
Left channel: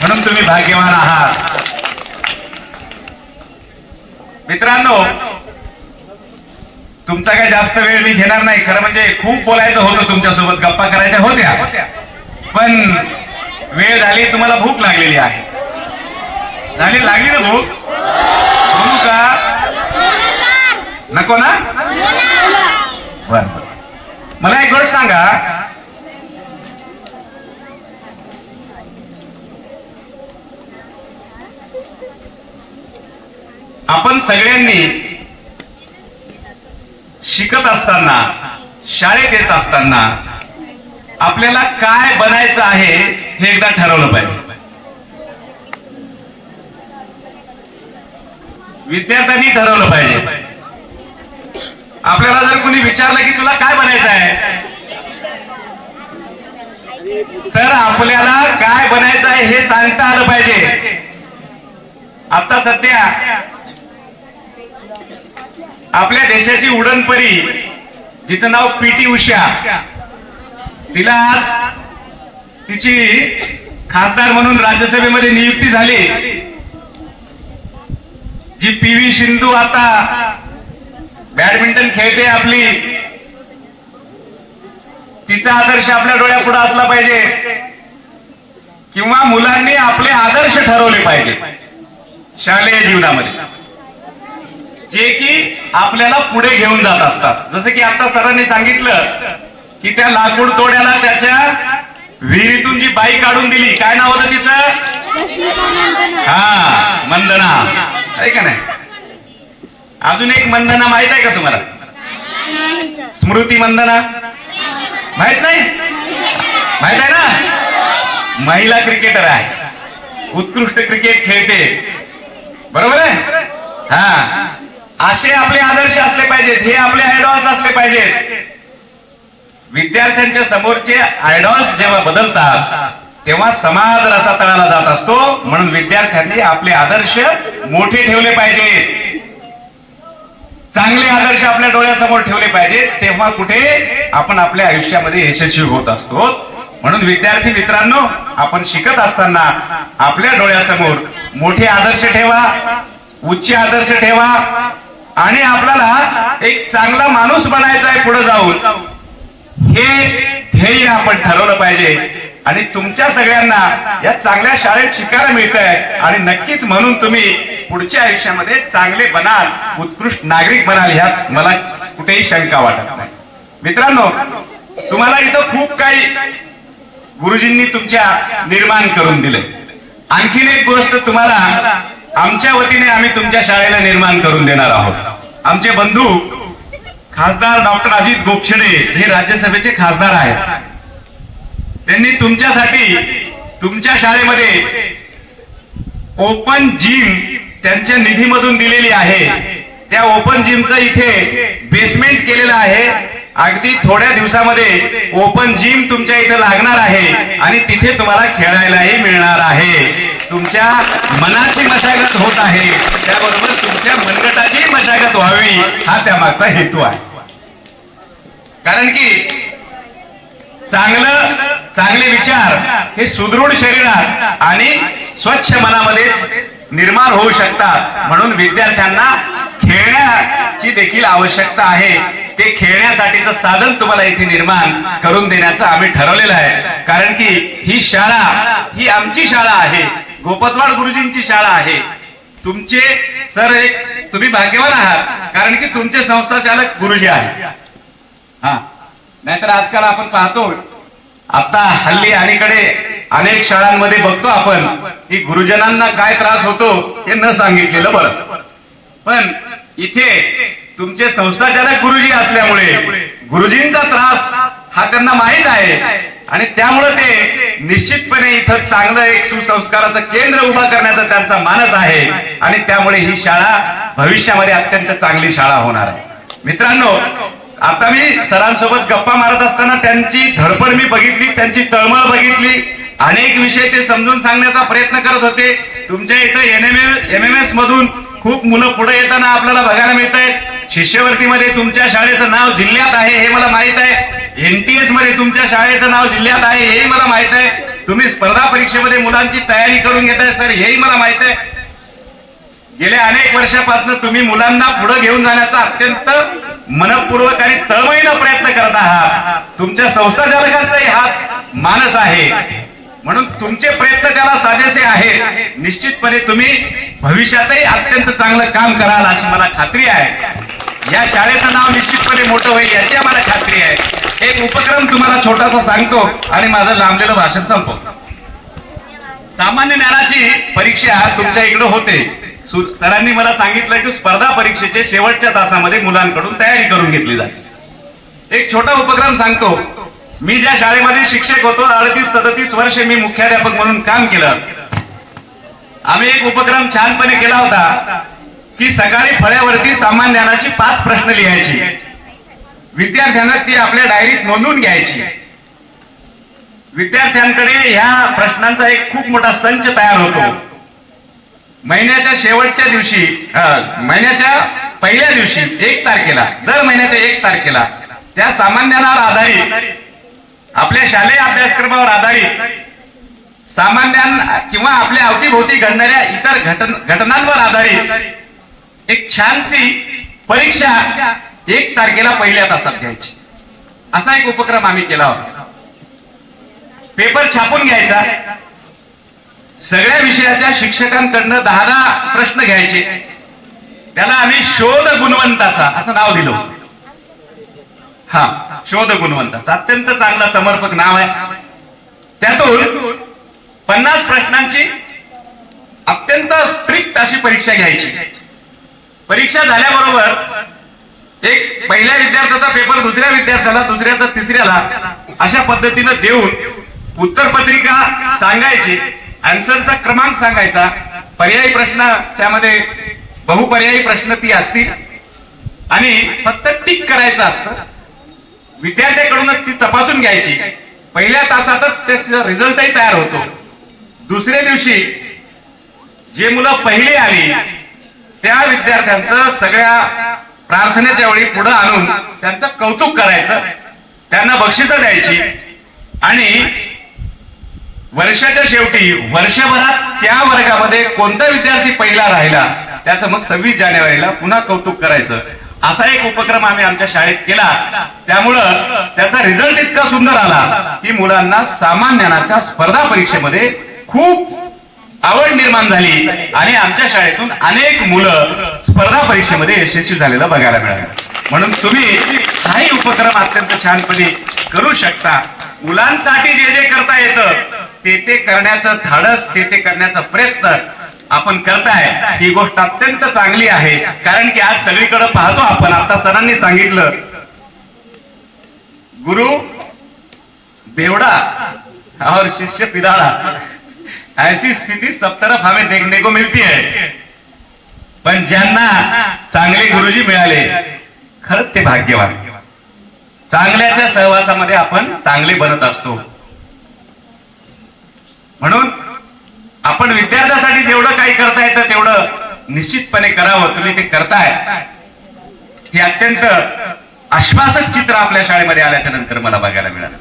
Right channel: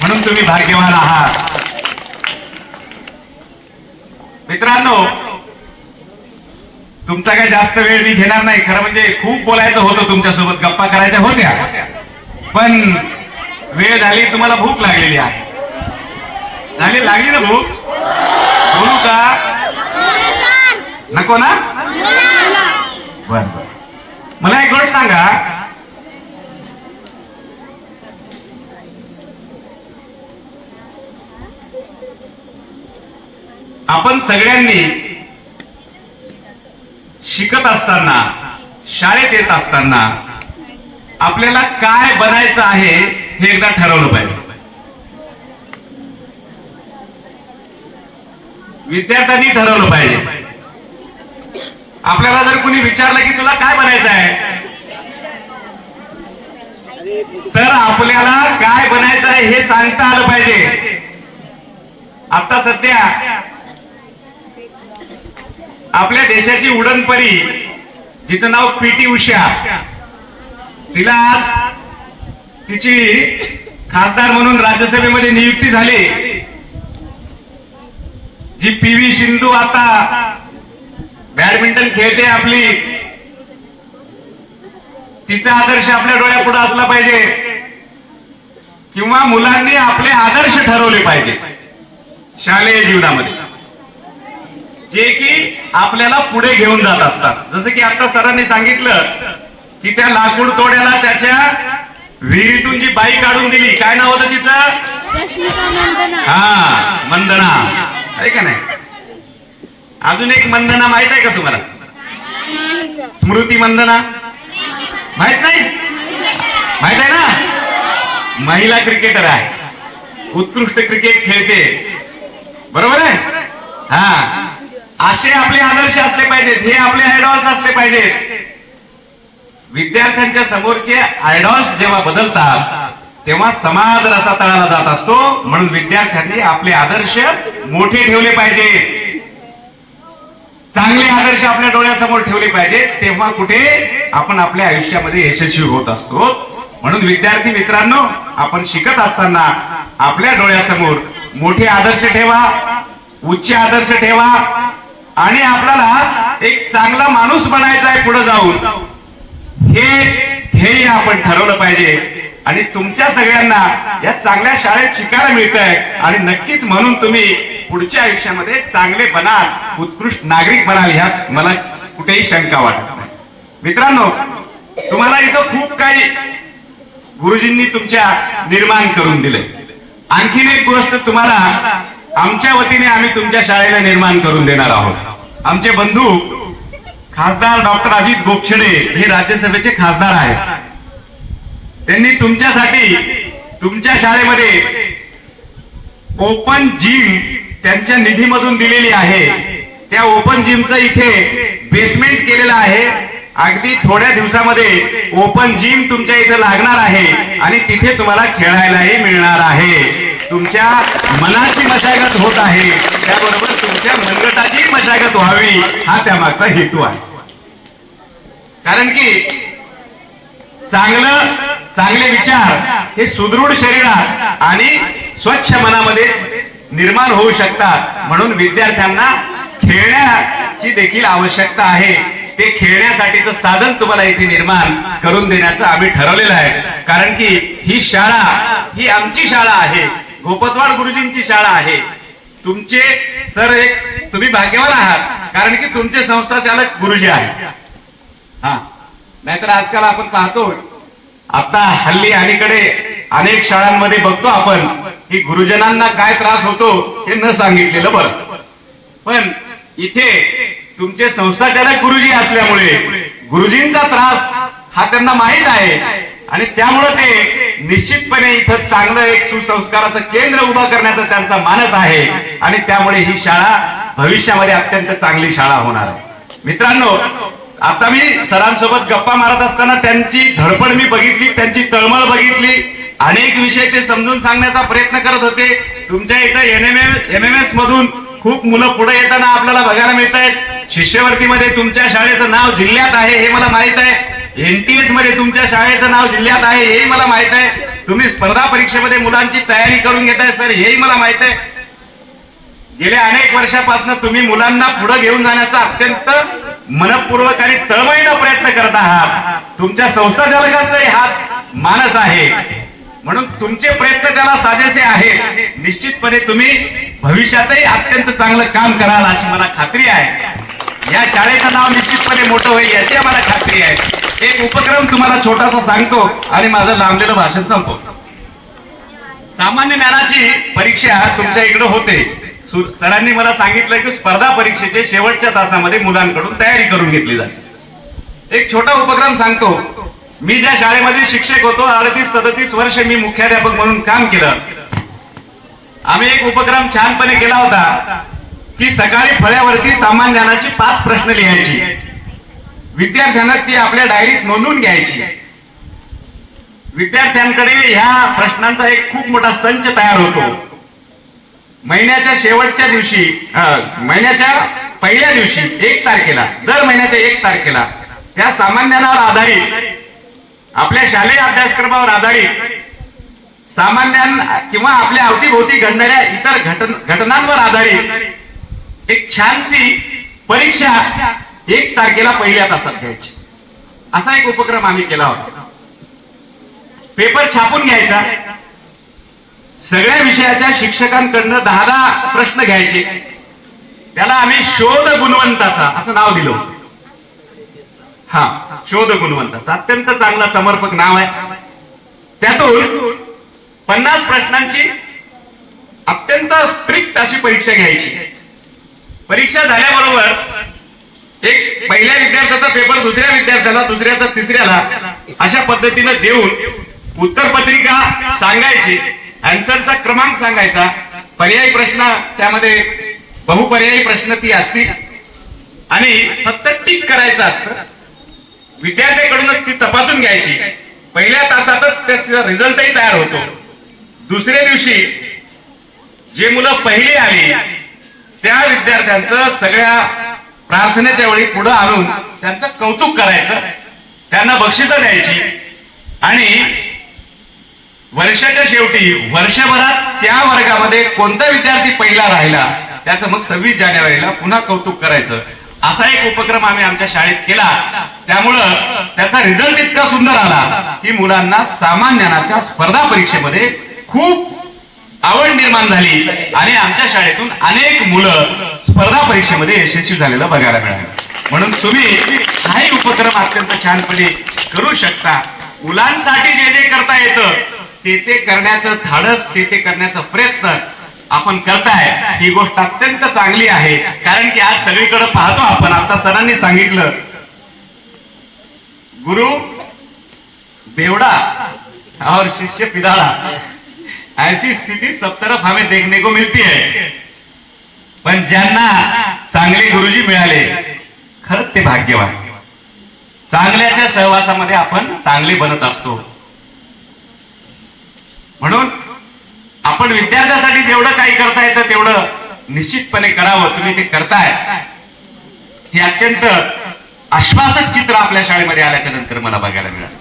म्हणून तुम्ही भाग्यवान आहात. मित्रांनो, तुमचा काही जास्त वेळ मी घेणार नाही. खरं म्हणजे खूप बोलायचं होतं, तुमच्यासोबत गप्पा करायच्या होत्या, पण वेळ झाली. तुम्हाला भूक लागलेली आहे. लागली ना भूक? बोलू का? नको ना? बर. मला एक गोष्ट सांगा. आपण सगळ्यांनी शिकत असताना, शाळेत येत असताना आपल्याला काय बनायचं आहे हे एकदा ठरवलं पाहिजे. विद्यार्थ्यांनी ठरवलं पाहिजे. आपल्याला जर कोणी विचारलं की तुला काय बनायचं आहे, तर आपल्याला काय बनायचं आहे हे सांगता आलं पाहिजे. आता सध्या आपल्या देशाची उडणपरी, जिचं नाव पीटी उषा, तिला आज तिची खासदार म्हणून राज्यसभेमध्ये नियुक्ती झाली. जी पीव्ही सिंधू आता बॅडमिंटन खेळते आपली, तिचा आदर्श आपल्या डोळ्यापुढे असला पाहिजे, किंवा मुलांनी आपले आदर्श ठरवले पाहिजे शालेय जीवनामध्ये, जे की आपल्याला पुढे घेऊन जात असतात. जसं की आता सरांनी सांगितलं की त्या लाकूड तोड्याला त्याच्या विहिरीतून जी बाई काढून दिली, काय नाव होतं तिचं? हा, मंदना. आहे का नाही? अजून एक मंदना माहित आहे का तुम्हाला? स्मृती मंदना माहित नाही? माहित आहे ना? महिला क्रिकेटर आहे, उत्कृष्ट क्रिकेट खेळते. बरोबर आहे? हा, असे आपले आदर्श असले पाहिजेत, हे आपले आयडॉल्स असले पाहिजेत. विद्यार्थ्यांच्या समोरचे आयडॉल्स जेव्हा बदलतात तेव्हा समाज रसातळाला जात असतो. म्हणून विद्यार्थ्यांनी आपले आदर्श मोठे ठेवले पाहिजे, चांगले आदर्श आपल्या डोळ्यासमोर ठेवले पाहिजे. तेव्हा कुठे आपण आपल्या आयुष्यामध्ये यशस्वी होत असतो. म्हणून विद्यार्थी मित्रांनो, आपण शिकत असताना आपल्या डोळ्यासमोर मोठे आदर्श ठेवा, उच्च आदर्श ठेवा, आणि आपल्याला एक चांगला माणूस बनायचा आहे पुढे जाऊन, हे ध्येय आपण ठरवलं पाहिजे. आणि तुमच्या सगळ्यांना या चांगल्या शाळेत शिकायला मिळत आहे, आणि नक्कीच म्हणून तुम्ही पुढच्या आयुष्यामध्ये चांगले बनाल, उत्कृष्ट नागरिक बनाल, ह्यात मला कुठेही शंका वाटत नाही. मित्रांनो, तुम्हाला इथं खूप काही गुरुजींनी तुमच्या निर्माण करून दिले. आणखीन एक गोष्ट तुम्हाला आमच्या वतीने आम्ही तुमच्या शाळेला निर्माण करून देणार आहोत. आमचे बंधू खासदार डॉक्टर अजित गोपछडे हे राज्यसभेचे खासदार आहेत. त्यांनी तुमच्यासाठी तुमच्या शाळेमध्ये ओपन जिम त्यांच्या निधीमधून दिलेली आहे. त्या ओपन जिमचं इथे बेसमेंट केलेलं आहे. अगदी थोड्या दिवसामध्ये ओपन जिम तुमच्या इथे लागणार आहे, आणि तिथे तुम्हाला खेळायलाही मिळणार आहे. तुमच्या मनाची मशागत होत आहे, त्याबरोबर तुमच्या मनगटाची मशागत व्हावी, हा त्यामागचा हेतू आहे. कारण की चांगले विचार हे सुदृढ शरीरात आणि स्वच्छ मनामध्येच निर्माण होऊ शकतात. म्हणून विद्यार्थ्यांना खेळण्याची देखील आवश्यकता आहे. ते खेळण्यासाठीचं साधन तुम्हाला इथे निर्माण करून देण्याचं आम्ही ठरवलेलं आहे. कारण की ही शाळा ही आमची शाळा आहे, गोपतवाड गुरुजींची शाळा आहे. तुमचे सर एक तुम्ही भाग्यवान आहात, कारण की तुमचे संस्था चालक गुरुजी आहेत. हा, नाहीतर आजकाल आपण पाहतो आता हल्ली अलीकडे अनेक शाळांमध्ये बघतो आपण की गुरुजनांना काय त्रास होतो हे न सांगितलेलं बरं. पण इथे तुमचे संस्थाचालक गुरुजी असल्यामुळे गुरुजींचा त्रास हा त्यांना माहीत आहे आणि त्यामुळे ते निश्चितपणे इथं चांगलं एक सुसंस्काराचं केंद्र उभा करण्याचा त्यांचा मानस आहे आणि त्यामुळे ही शाळा भविष्यामध्ये अत्यंत चांगली शाळा होणार आहे. मित्रांनो, आता मी सरांसोबत गप्पा मारत असताना त्यांची धडपड मी बघितली, त्यांची तळमळ बघितली. अनेक विषय ते समजून सांगण्याचा प्रयत्न करत होते. तुमच्या इथं MMS मधून खूप मुलं पुढे येताना आपल्याला बघायला मिळत आहेत. शिष्यवृत्तीमध्ये तुमच्या शाळेचं नाव जिल्ह्यात आहे हे मला माहित आहे. NTS मध्ये तुमच्या शाळेचं नाव जिल्ह्यात आहे हेही मला माहित आहे. तुम्ही स्पर्धा परीक्षेमध्ये मुलांची तयारी करून घेताय सर हेही मला माहित आहे. गेल्या अनेक वर्षापासून तुम्ही मुलांना पुढे घेऊन जाण्याचा अत्यंत मनपूर्वक आणि तळमळीनं प्रयत्न करत आहात. तुमच्या संस्थाचालकांचाही हाच मानस आहे. म्हणून तुमचे प्रयत्न त्याला साजेसे आहेत. निश्चितपणे तुम्ही भविष्यातही अत्यंत चांगलं काम कराल अशी मला खात्री आहे. या शाळेचं नाव निश्चितपणे मोठं होईल याची मला खात्री आहे. एक उपक्रम तुम्हाला छोटासा सांगतो आणि माझं लांबलेलं भाषण संपवतो. सामान्य ज्ञानाची परीक्षा तुमच्या इकडे होते. सरांनी मला सांगितलं की स्पर्धा परीक्षेचे शेवटच्या तासामध्ये मुलांकडून तयारी करून घेतली जाते. एक छोटा उपक्रम सांगतो. मी ज्या शाळेमध्ये शिक्षक होतो 38-37 वर्ष मी मुख्याध्यापक म्हणून काम केलं. आम्ही एक उपक्रम छानपणे केला होता की सकाळी फळ्यावरती सामान्य ज्ञानाची 5 प्रश्न लिहायची. विद्यार्थ्यांना ती आपल्या डायरीत नोंदवून घ्यायची. विद्यार्थ्यांकडे ह्या प्रश्नांचा एक खूप मोठा संच तयार होतो. महिन्याच्या शेवटच्या दिवशी महिन्याच्या पहिल्या दिवशी 1 तारखेला दर महिन्याच्या 1 तारखेला त्या सामान्य ज्ञानावर आधारित आपल्या शालेय अभ्यासक्रमावर आधारित सामान्य किंवा आपल्या अवतीभोवती घडणाऱ्या इतर घटनांवर आधारित एक छानशी परीक्षा 1 तारखेला पहिल्या तासात घ्यायची. असा एक उपक्रम आम्ही केला होता. पेपर छापून घ्यायचा. सगळ्या विषयाच्या शिक्षकांकडनं 10 प्रश्न घ्यायचे. त्याला आम्ही शोध गुणवंताचा असं नाव दिलं. हा, शोध गुणवंताचा अत्यंत चांगला समर्पक नाव आहे. त्यातून 50 प्रश्नांची अत्यंत स्ट्रिक्ट अशी परीक्षा घ्यायची. परीक्षा झाल्याबरोबर एक पहिल्या विद्यार्थ्याचा पेपर दुसऱ्या विद्यार्थ्याला, दुसऱ्याचा तिसऱ्याला अशा पद्धतीनं देऊन उत्तरपत्रिका सांगायची. आन्सरचा क्रमांक सांगायचा. पर्यायी प्रश्न त्यामध्ये बहुपर्यायी प्रश्न ती असतील आणि फक्त टिक करायचं असतं. विद्यार्थ्याकडूनच ती तपासून घ्यायची. पहिल्या तासातच त्याचा रिझल्टही तयार होतो. दुसऱ्या दिवशी जे मुलं पहिली आली त्या विद्यार्थ्यांचं सगळ्या प्रार्थनेच्या वेळी पुढे आणून त्यांचं कौतुक करायचं, त्यांना बक्षिसं द्यायची आणि वर्षाच्या शेवटी वर्षभरात त्या वर्गामध्ये कोणता विद्यार्थी पहिला राहिला त्याचं मग 26 जानेवारीला पुन्हा कौतुक करायचं. असा एक उपक्रम आम्ही आमच्या शाळेत केला. त्यामुळं त्याचा रिझल्ट इतका सुंदर आला की मुलांना सामान्य ज्ञानाच्या स्पर्धा परीक्षेमध्ये खूप आवड निर्माण झाली आणि आमच्या शाळेतून अनेक मुलं स्पर्धा परीक्षेमध्ये यशस्वी झालेलं बघायला मिळालं. म्हणून तुम्ही हाही उपक्रम अत्यंत छानपणे करू शकता. मुलांसाठी जे जे करता येतं ते करण्याचं धाडस, ते करण्याचा प्रयत्न आपण करताय ही गोष्ट अत्यंत चांगली आहे. कारण की आज सगळीकडे पाहतो आपण. आता सरांनी सांगितलं गुरु बेवडा और शिष्य पिदाळा ऐसी स्थिती सब तरफ हमें देखने को मिलती है. पण ज्यांना चांगले गुरुजी मिळाले खरंच ते भाग्यवान. चांगल्याच्या सहवासामध्ये आपण चांगले बनत असतो. म्हणून आपण विद्यार्थ्यासाठी जेवढं काही करता येतं तेवढं निश्चितपणे करावं. तुम्ही ते करताय हे अत्यंत आश्वासक चित्र आपल्या शाळेमध्ये आल्याच्या नंतर मला बघायला मिळालं.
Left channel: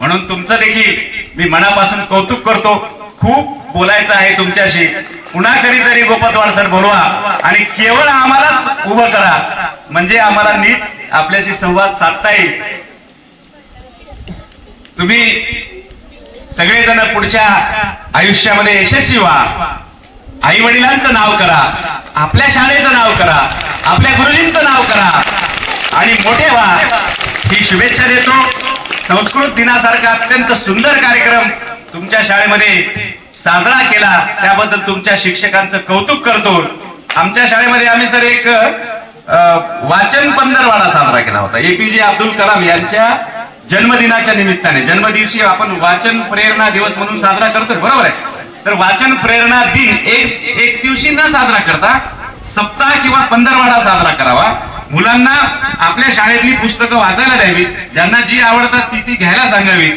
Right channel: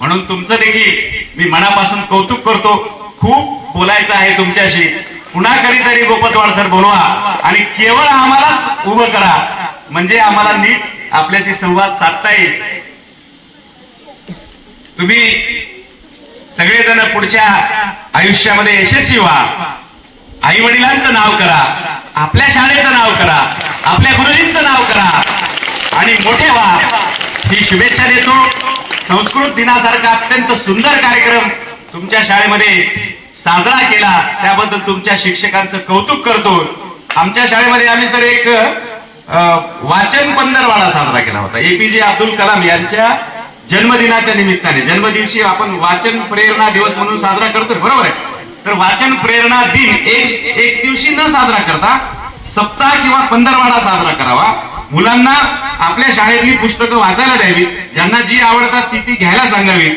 म्हणून तुमचं देखील मी मनापासून कौतुक करतो. खूप बोलायचं आहे तुमच्याशी. पुन्हा कधीतरी गोपतवाड सर बोलवा आणि केवळ आम्हालाच उभं करा म्हणजे आम्हाला नीट आपल्याशी संवाद साधता येईल. तुम्ही सगळेजण पुढच्या आयुष्यामध्ये यशस्वी व्हा. आई वडिलांचं नाव करा, आपल्या शाळेचं नाव करा, आपल्या गुरुजींचं नाव करा आणि मोठे व्हा ही शुभेच्छा देतो. संस्कृत दिनासारखा अत्यंत सुंदर कार्यक्रम तुमच्या शाळेमध्ये साजरा केला त्याबद्दल तुमच्या शिक्षकांचं कौतुक करतो. आमच्या शाळेमध्ये आम्ही सर एक वाचन पंधरवाडा साजरा केला होता. APJ अब्दुल कलाम यांच्या जन्मदिनाच्या निमित्ताने. जन्मदिवशी आपण वाचन प्रेरणा दिवस म्हणून साजरा करतो, बरोबर आहे. तर वाचन प्रेरणा दिन एक दिवशी न साजरा करता सप्ताह किंवा पंधरवाडा साजरा करावा. मुलांना आपल्या शाळेतली पुस्तकं वाचायला द्यावी, ज्यांना जी आवडतात ती घ्यायला सांगावी,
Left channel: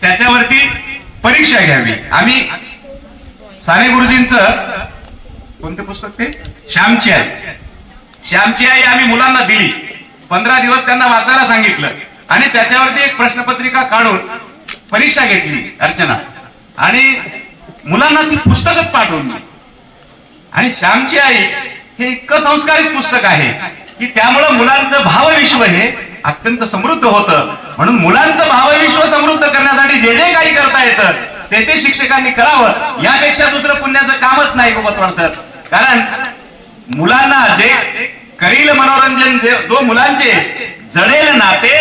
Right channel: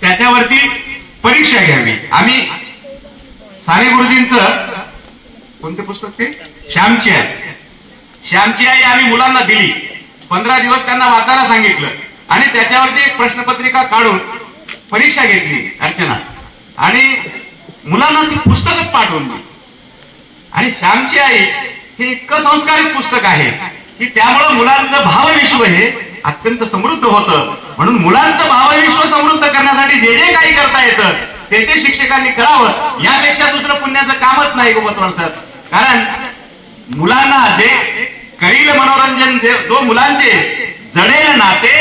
त्याच्यावरती परीक्षा घ्यावी. आम्ही साने गुरुजींचं कोणते पुस्तक ते श्यामची आई आम्ही मुलांना दिली. 15 दिवस त्यांना वाचायला सांगितलं आणि त्याच्यावरती एक प्रश्नपत्रिका काढून परीक्षा घेतली अर्चना, आणि मुलांना ती पुस्तकच पाठवून दिली. आणि श्यामची आई हे इतकं संस्कारित पुस्तक आहे की त्यामुळं मुलांचं भावविश्व हे अत्यंत समृद्ध होतं. म्हणून मुलांचं भावविश्व समृद्ध करण्यासाठी जे जे काही करता येतं ते शिक्षकांनी करावं. यापेक्षा दुसरं पुण्याचं कामच नाही गोपतवाड सर. कारण मुलांना जे करील मनोरंजन जो मुलांचे जडेल नाते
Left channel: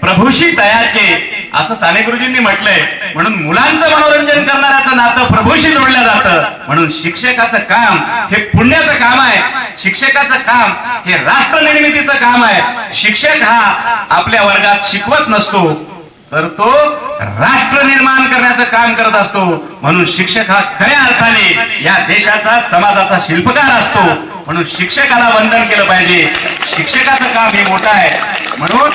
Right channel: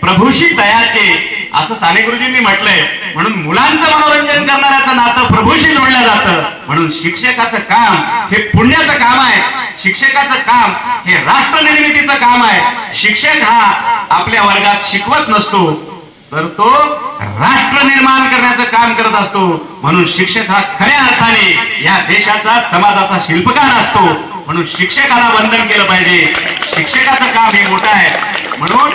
प्रभूशी तयाचे असं साने गुरुजींनी म्हटलंय. म्हणून मुलांचं मनोरंजन करणाऱ्याचं नातं प्रभूशी जोडलं जातं. म्हणून शिक्षकाचं काम हे पुण्याचं काम आहे. शिक्षकाचं काम हे राष्ट्र निर्मितीचं काम आहे. शिक्षक हा आपल्या वर्गात शिकवत नसतो, तर तो राष्ट्र निर्माण करण्याचं काम करत असतो. म्हणून शिक्षक हा खऱ्या अर्थाने या देशाचा समाजाचा शिल्पकार असतो. म्हणून शिक्षकाला वंदन केलं पाहिजे. शिक्षकाचं काम हे मोठं आहे. म्हणून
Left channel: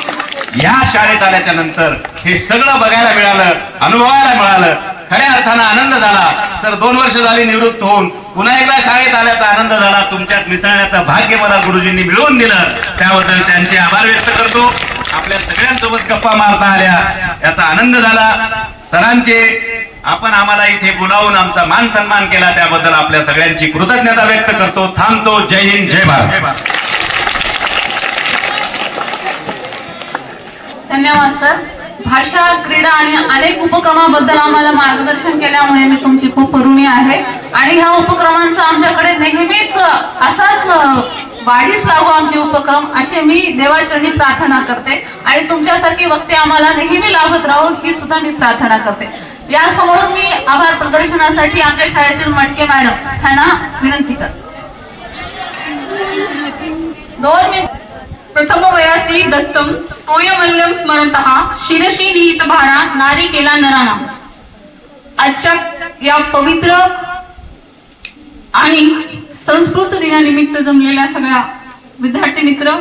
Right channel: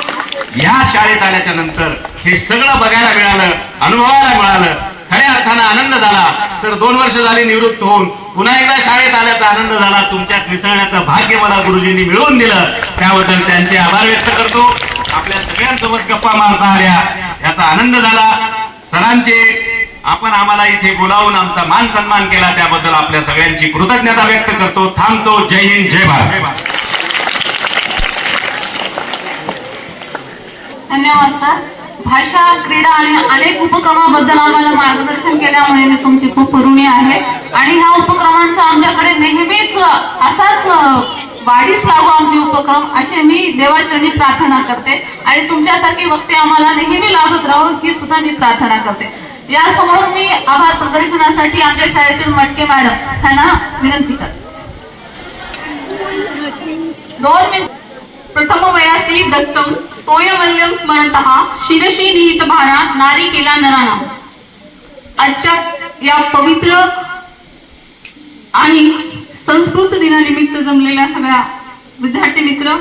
या शाळेत आल्याच्या नंतर हे सगळं बघायला मिळालं, अनुभवायला मिळालं. खऱ्या अर्थानं आनंद झाला. सर 2 वर्ष झाली निवृत्त होऊन पुन्हा एकदा शाळेत आल्याचा आनंद झाला. तुमच्यात मिसळण्याचं भाग्य मला गुरुजींनी मिळवून दिलं, त्याबद्दल त्यांचे आभार व्यक्त करतो. आपल्या सगळ्यांसोबत गप्पा मारता आल्या याचा आनंद झाला. सरांचे आपण आम्हाला इथे बोलावून आमचा मान सन्मान केला त्याबद्दल आपल्या सगळ्यांची कृतज्ञता व्यक्त करतो. थांबतो. जय हिंद, जय भारत. धन्यवाद सर. भाषा, क्रीडा आणि अनेक उपक्रमाबद्दल आम्हाला मार्गदर्शन केल्यामुळे मी तुमची खूप ऋणी आहे. आणि ह्या उपक्रमांचा आमच्याकडे नेहमीच असाच वाढीस लागू आमचे उपक्रम, असे मी देवाचरणी प्रार्थना करते. आणि तुमच्यासारखी वक्ते आम्हाला नेहमी लाभत राहू ही सुद्धा मी प्रार्थना करते. यासमोर मी आभार प्रदर्शनासाठी आमच्या शाळेतील मटके मॅडम यांना विनंती करते. 2 मिनिट. प्रथम वयासी दत्तम तोयवल्यम स्मरतः शिरशी निहित भारा नारी केला नराना. आजच्या या पवित्र आणि संस्कृत दिनानिमित्त जमलेल्या सगळ्या विद्यार्थी मित्र,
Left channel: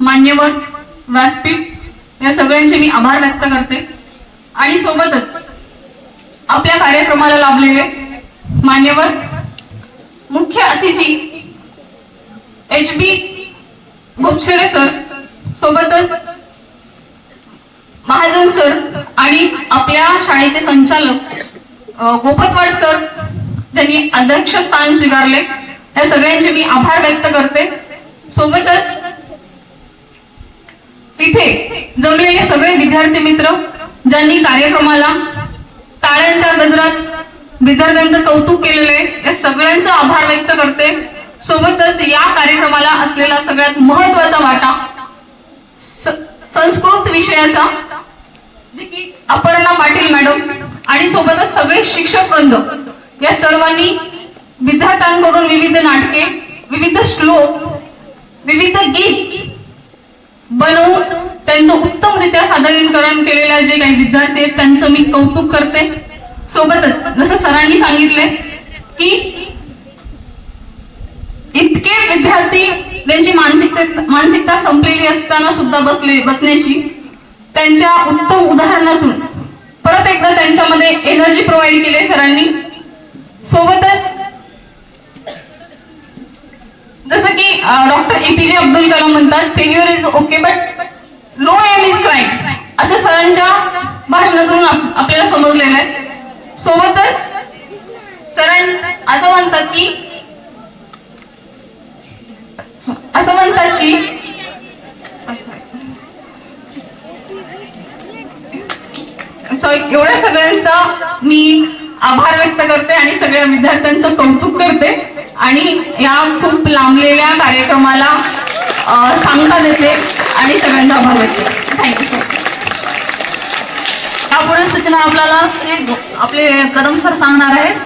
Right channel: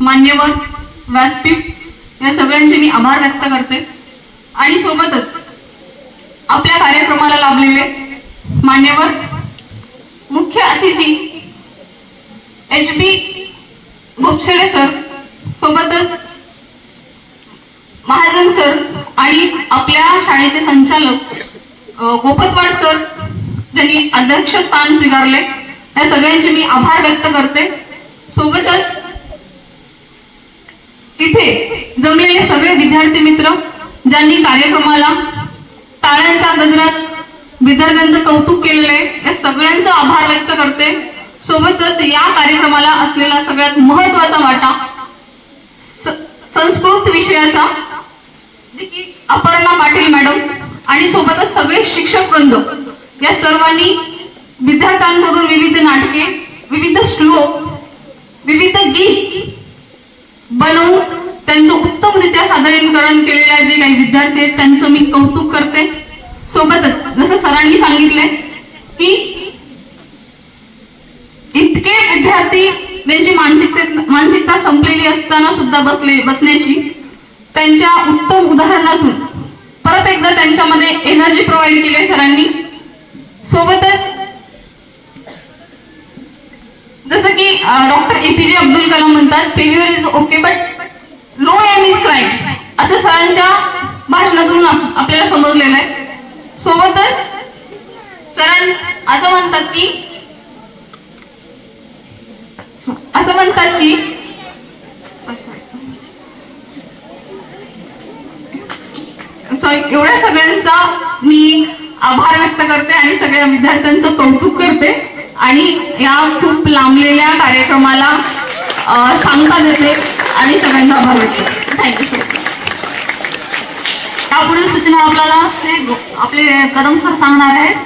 मान्यवर, व्यासपीठ या सगळ्यांचे मी आभार व्यक्त करते. आणि सोबतच आपल्या कार्यक्रमाला लाभलेले मान्यवर, मुख्य अतिथी HB भोपसेडे सर, सोबतच महाजन सर आणि आपल्या शाळेचे संचालक गोपतवाड सर ज्यांनी अध्यक्ष स्थान स्वीकारले, या सगळ्यांचे मी आभार व्यक्त करते. सोबतच इथे जमलेले सगळे विद्यार्थी मित्र ज्यांनी कार्यक्रमाला टाळ्यांच्या गजरात विद्यार्थ्यांचं कौतुक केलेलं आहे, या सगळ्यांचा आभार व्यक्त करते. सोबतच या कार्यक्रमाला असलेला सगळ्यात महत्वाचा वाटा संस्कृत विषयाचा, जे की अपर्णा पाटील मॅडम आणि सोबतच सगळे शिक्षक वृंद या सर्वांनी विद्यार्थ्यांकडून विविध नाटके, विविध श्लोक, विविध गीत बनवून त्यांचं उत्तमरित्या सादरीकरण केलेल्या जे काही विद्यार्थी आहेत त्यांचं मी कौतुक करते. सोबतच जसं सरांनी सांगितले की इतके विद्यार्थी त्यांची मानसिकता संपलेली असताना सुद्धा बसण्याची त्यांच्या उत्तम उदाहरणातून परत एकदा त्यांच्यामध्ये एनर्जी प्रोव्हाइड केली सरांनी. सोबतच जसं की डॉक्टर APJ अब्दुल कलाम म्हणतात, failure is okay but no aim is crime, असं सरांच्या भाषणातून आपल्याला समजलेलं आहे. सोबतच सरां असं म्हणतात की एवढ्या सगळ्यांचा मी आभार व्यक्त करते आणि सगळ्या विद्यार्थ्यांचं कौतुक करते आणि या खूप लांबलेल्या कार्यक्रमाला सांगता देते आणि सगळ्यांचा आभार व्यक्त करते. Thank you sir. यापुढे सूचना आपल्याला आपले कदम सर सांगणार आहेत.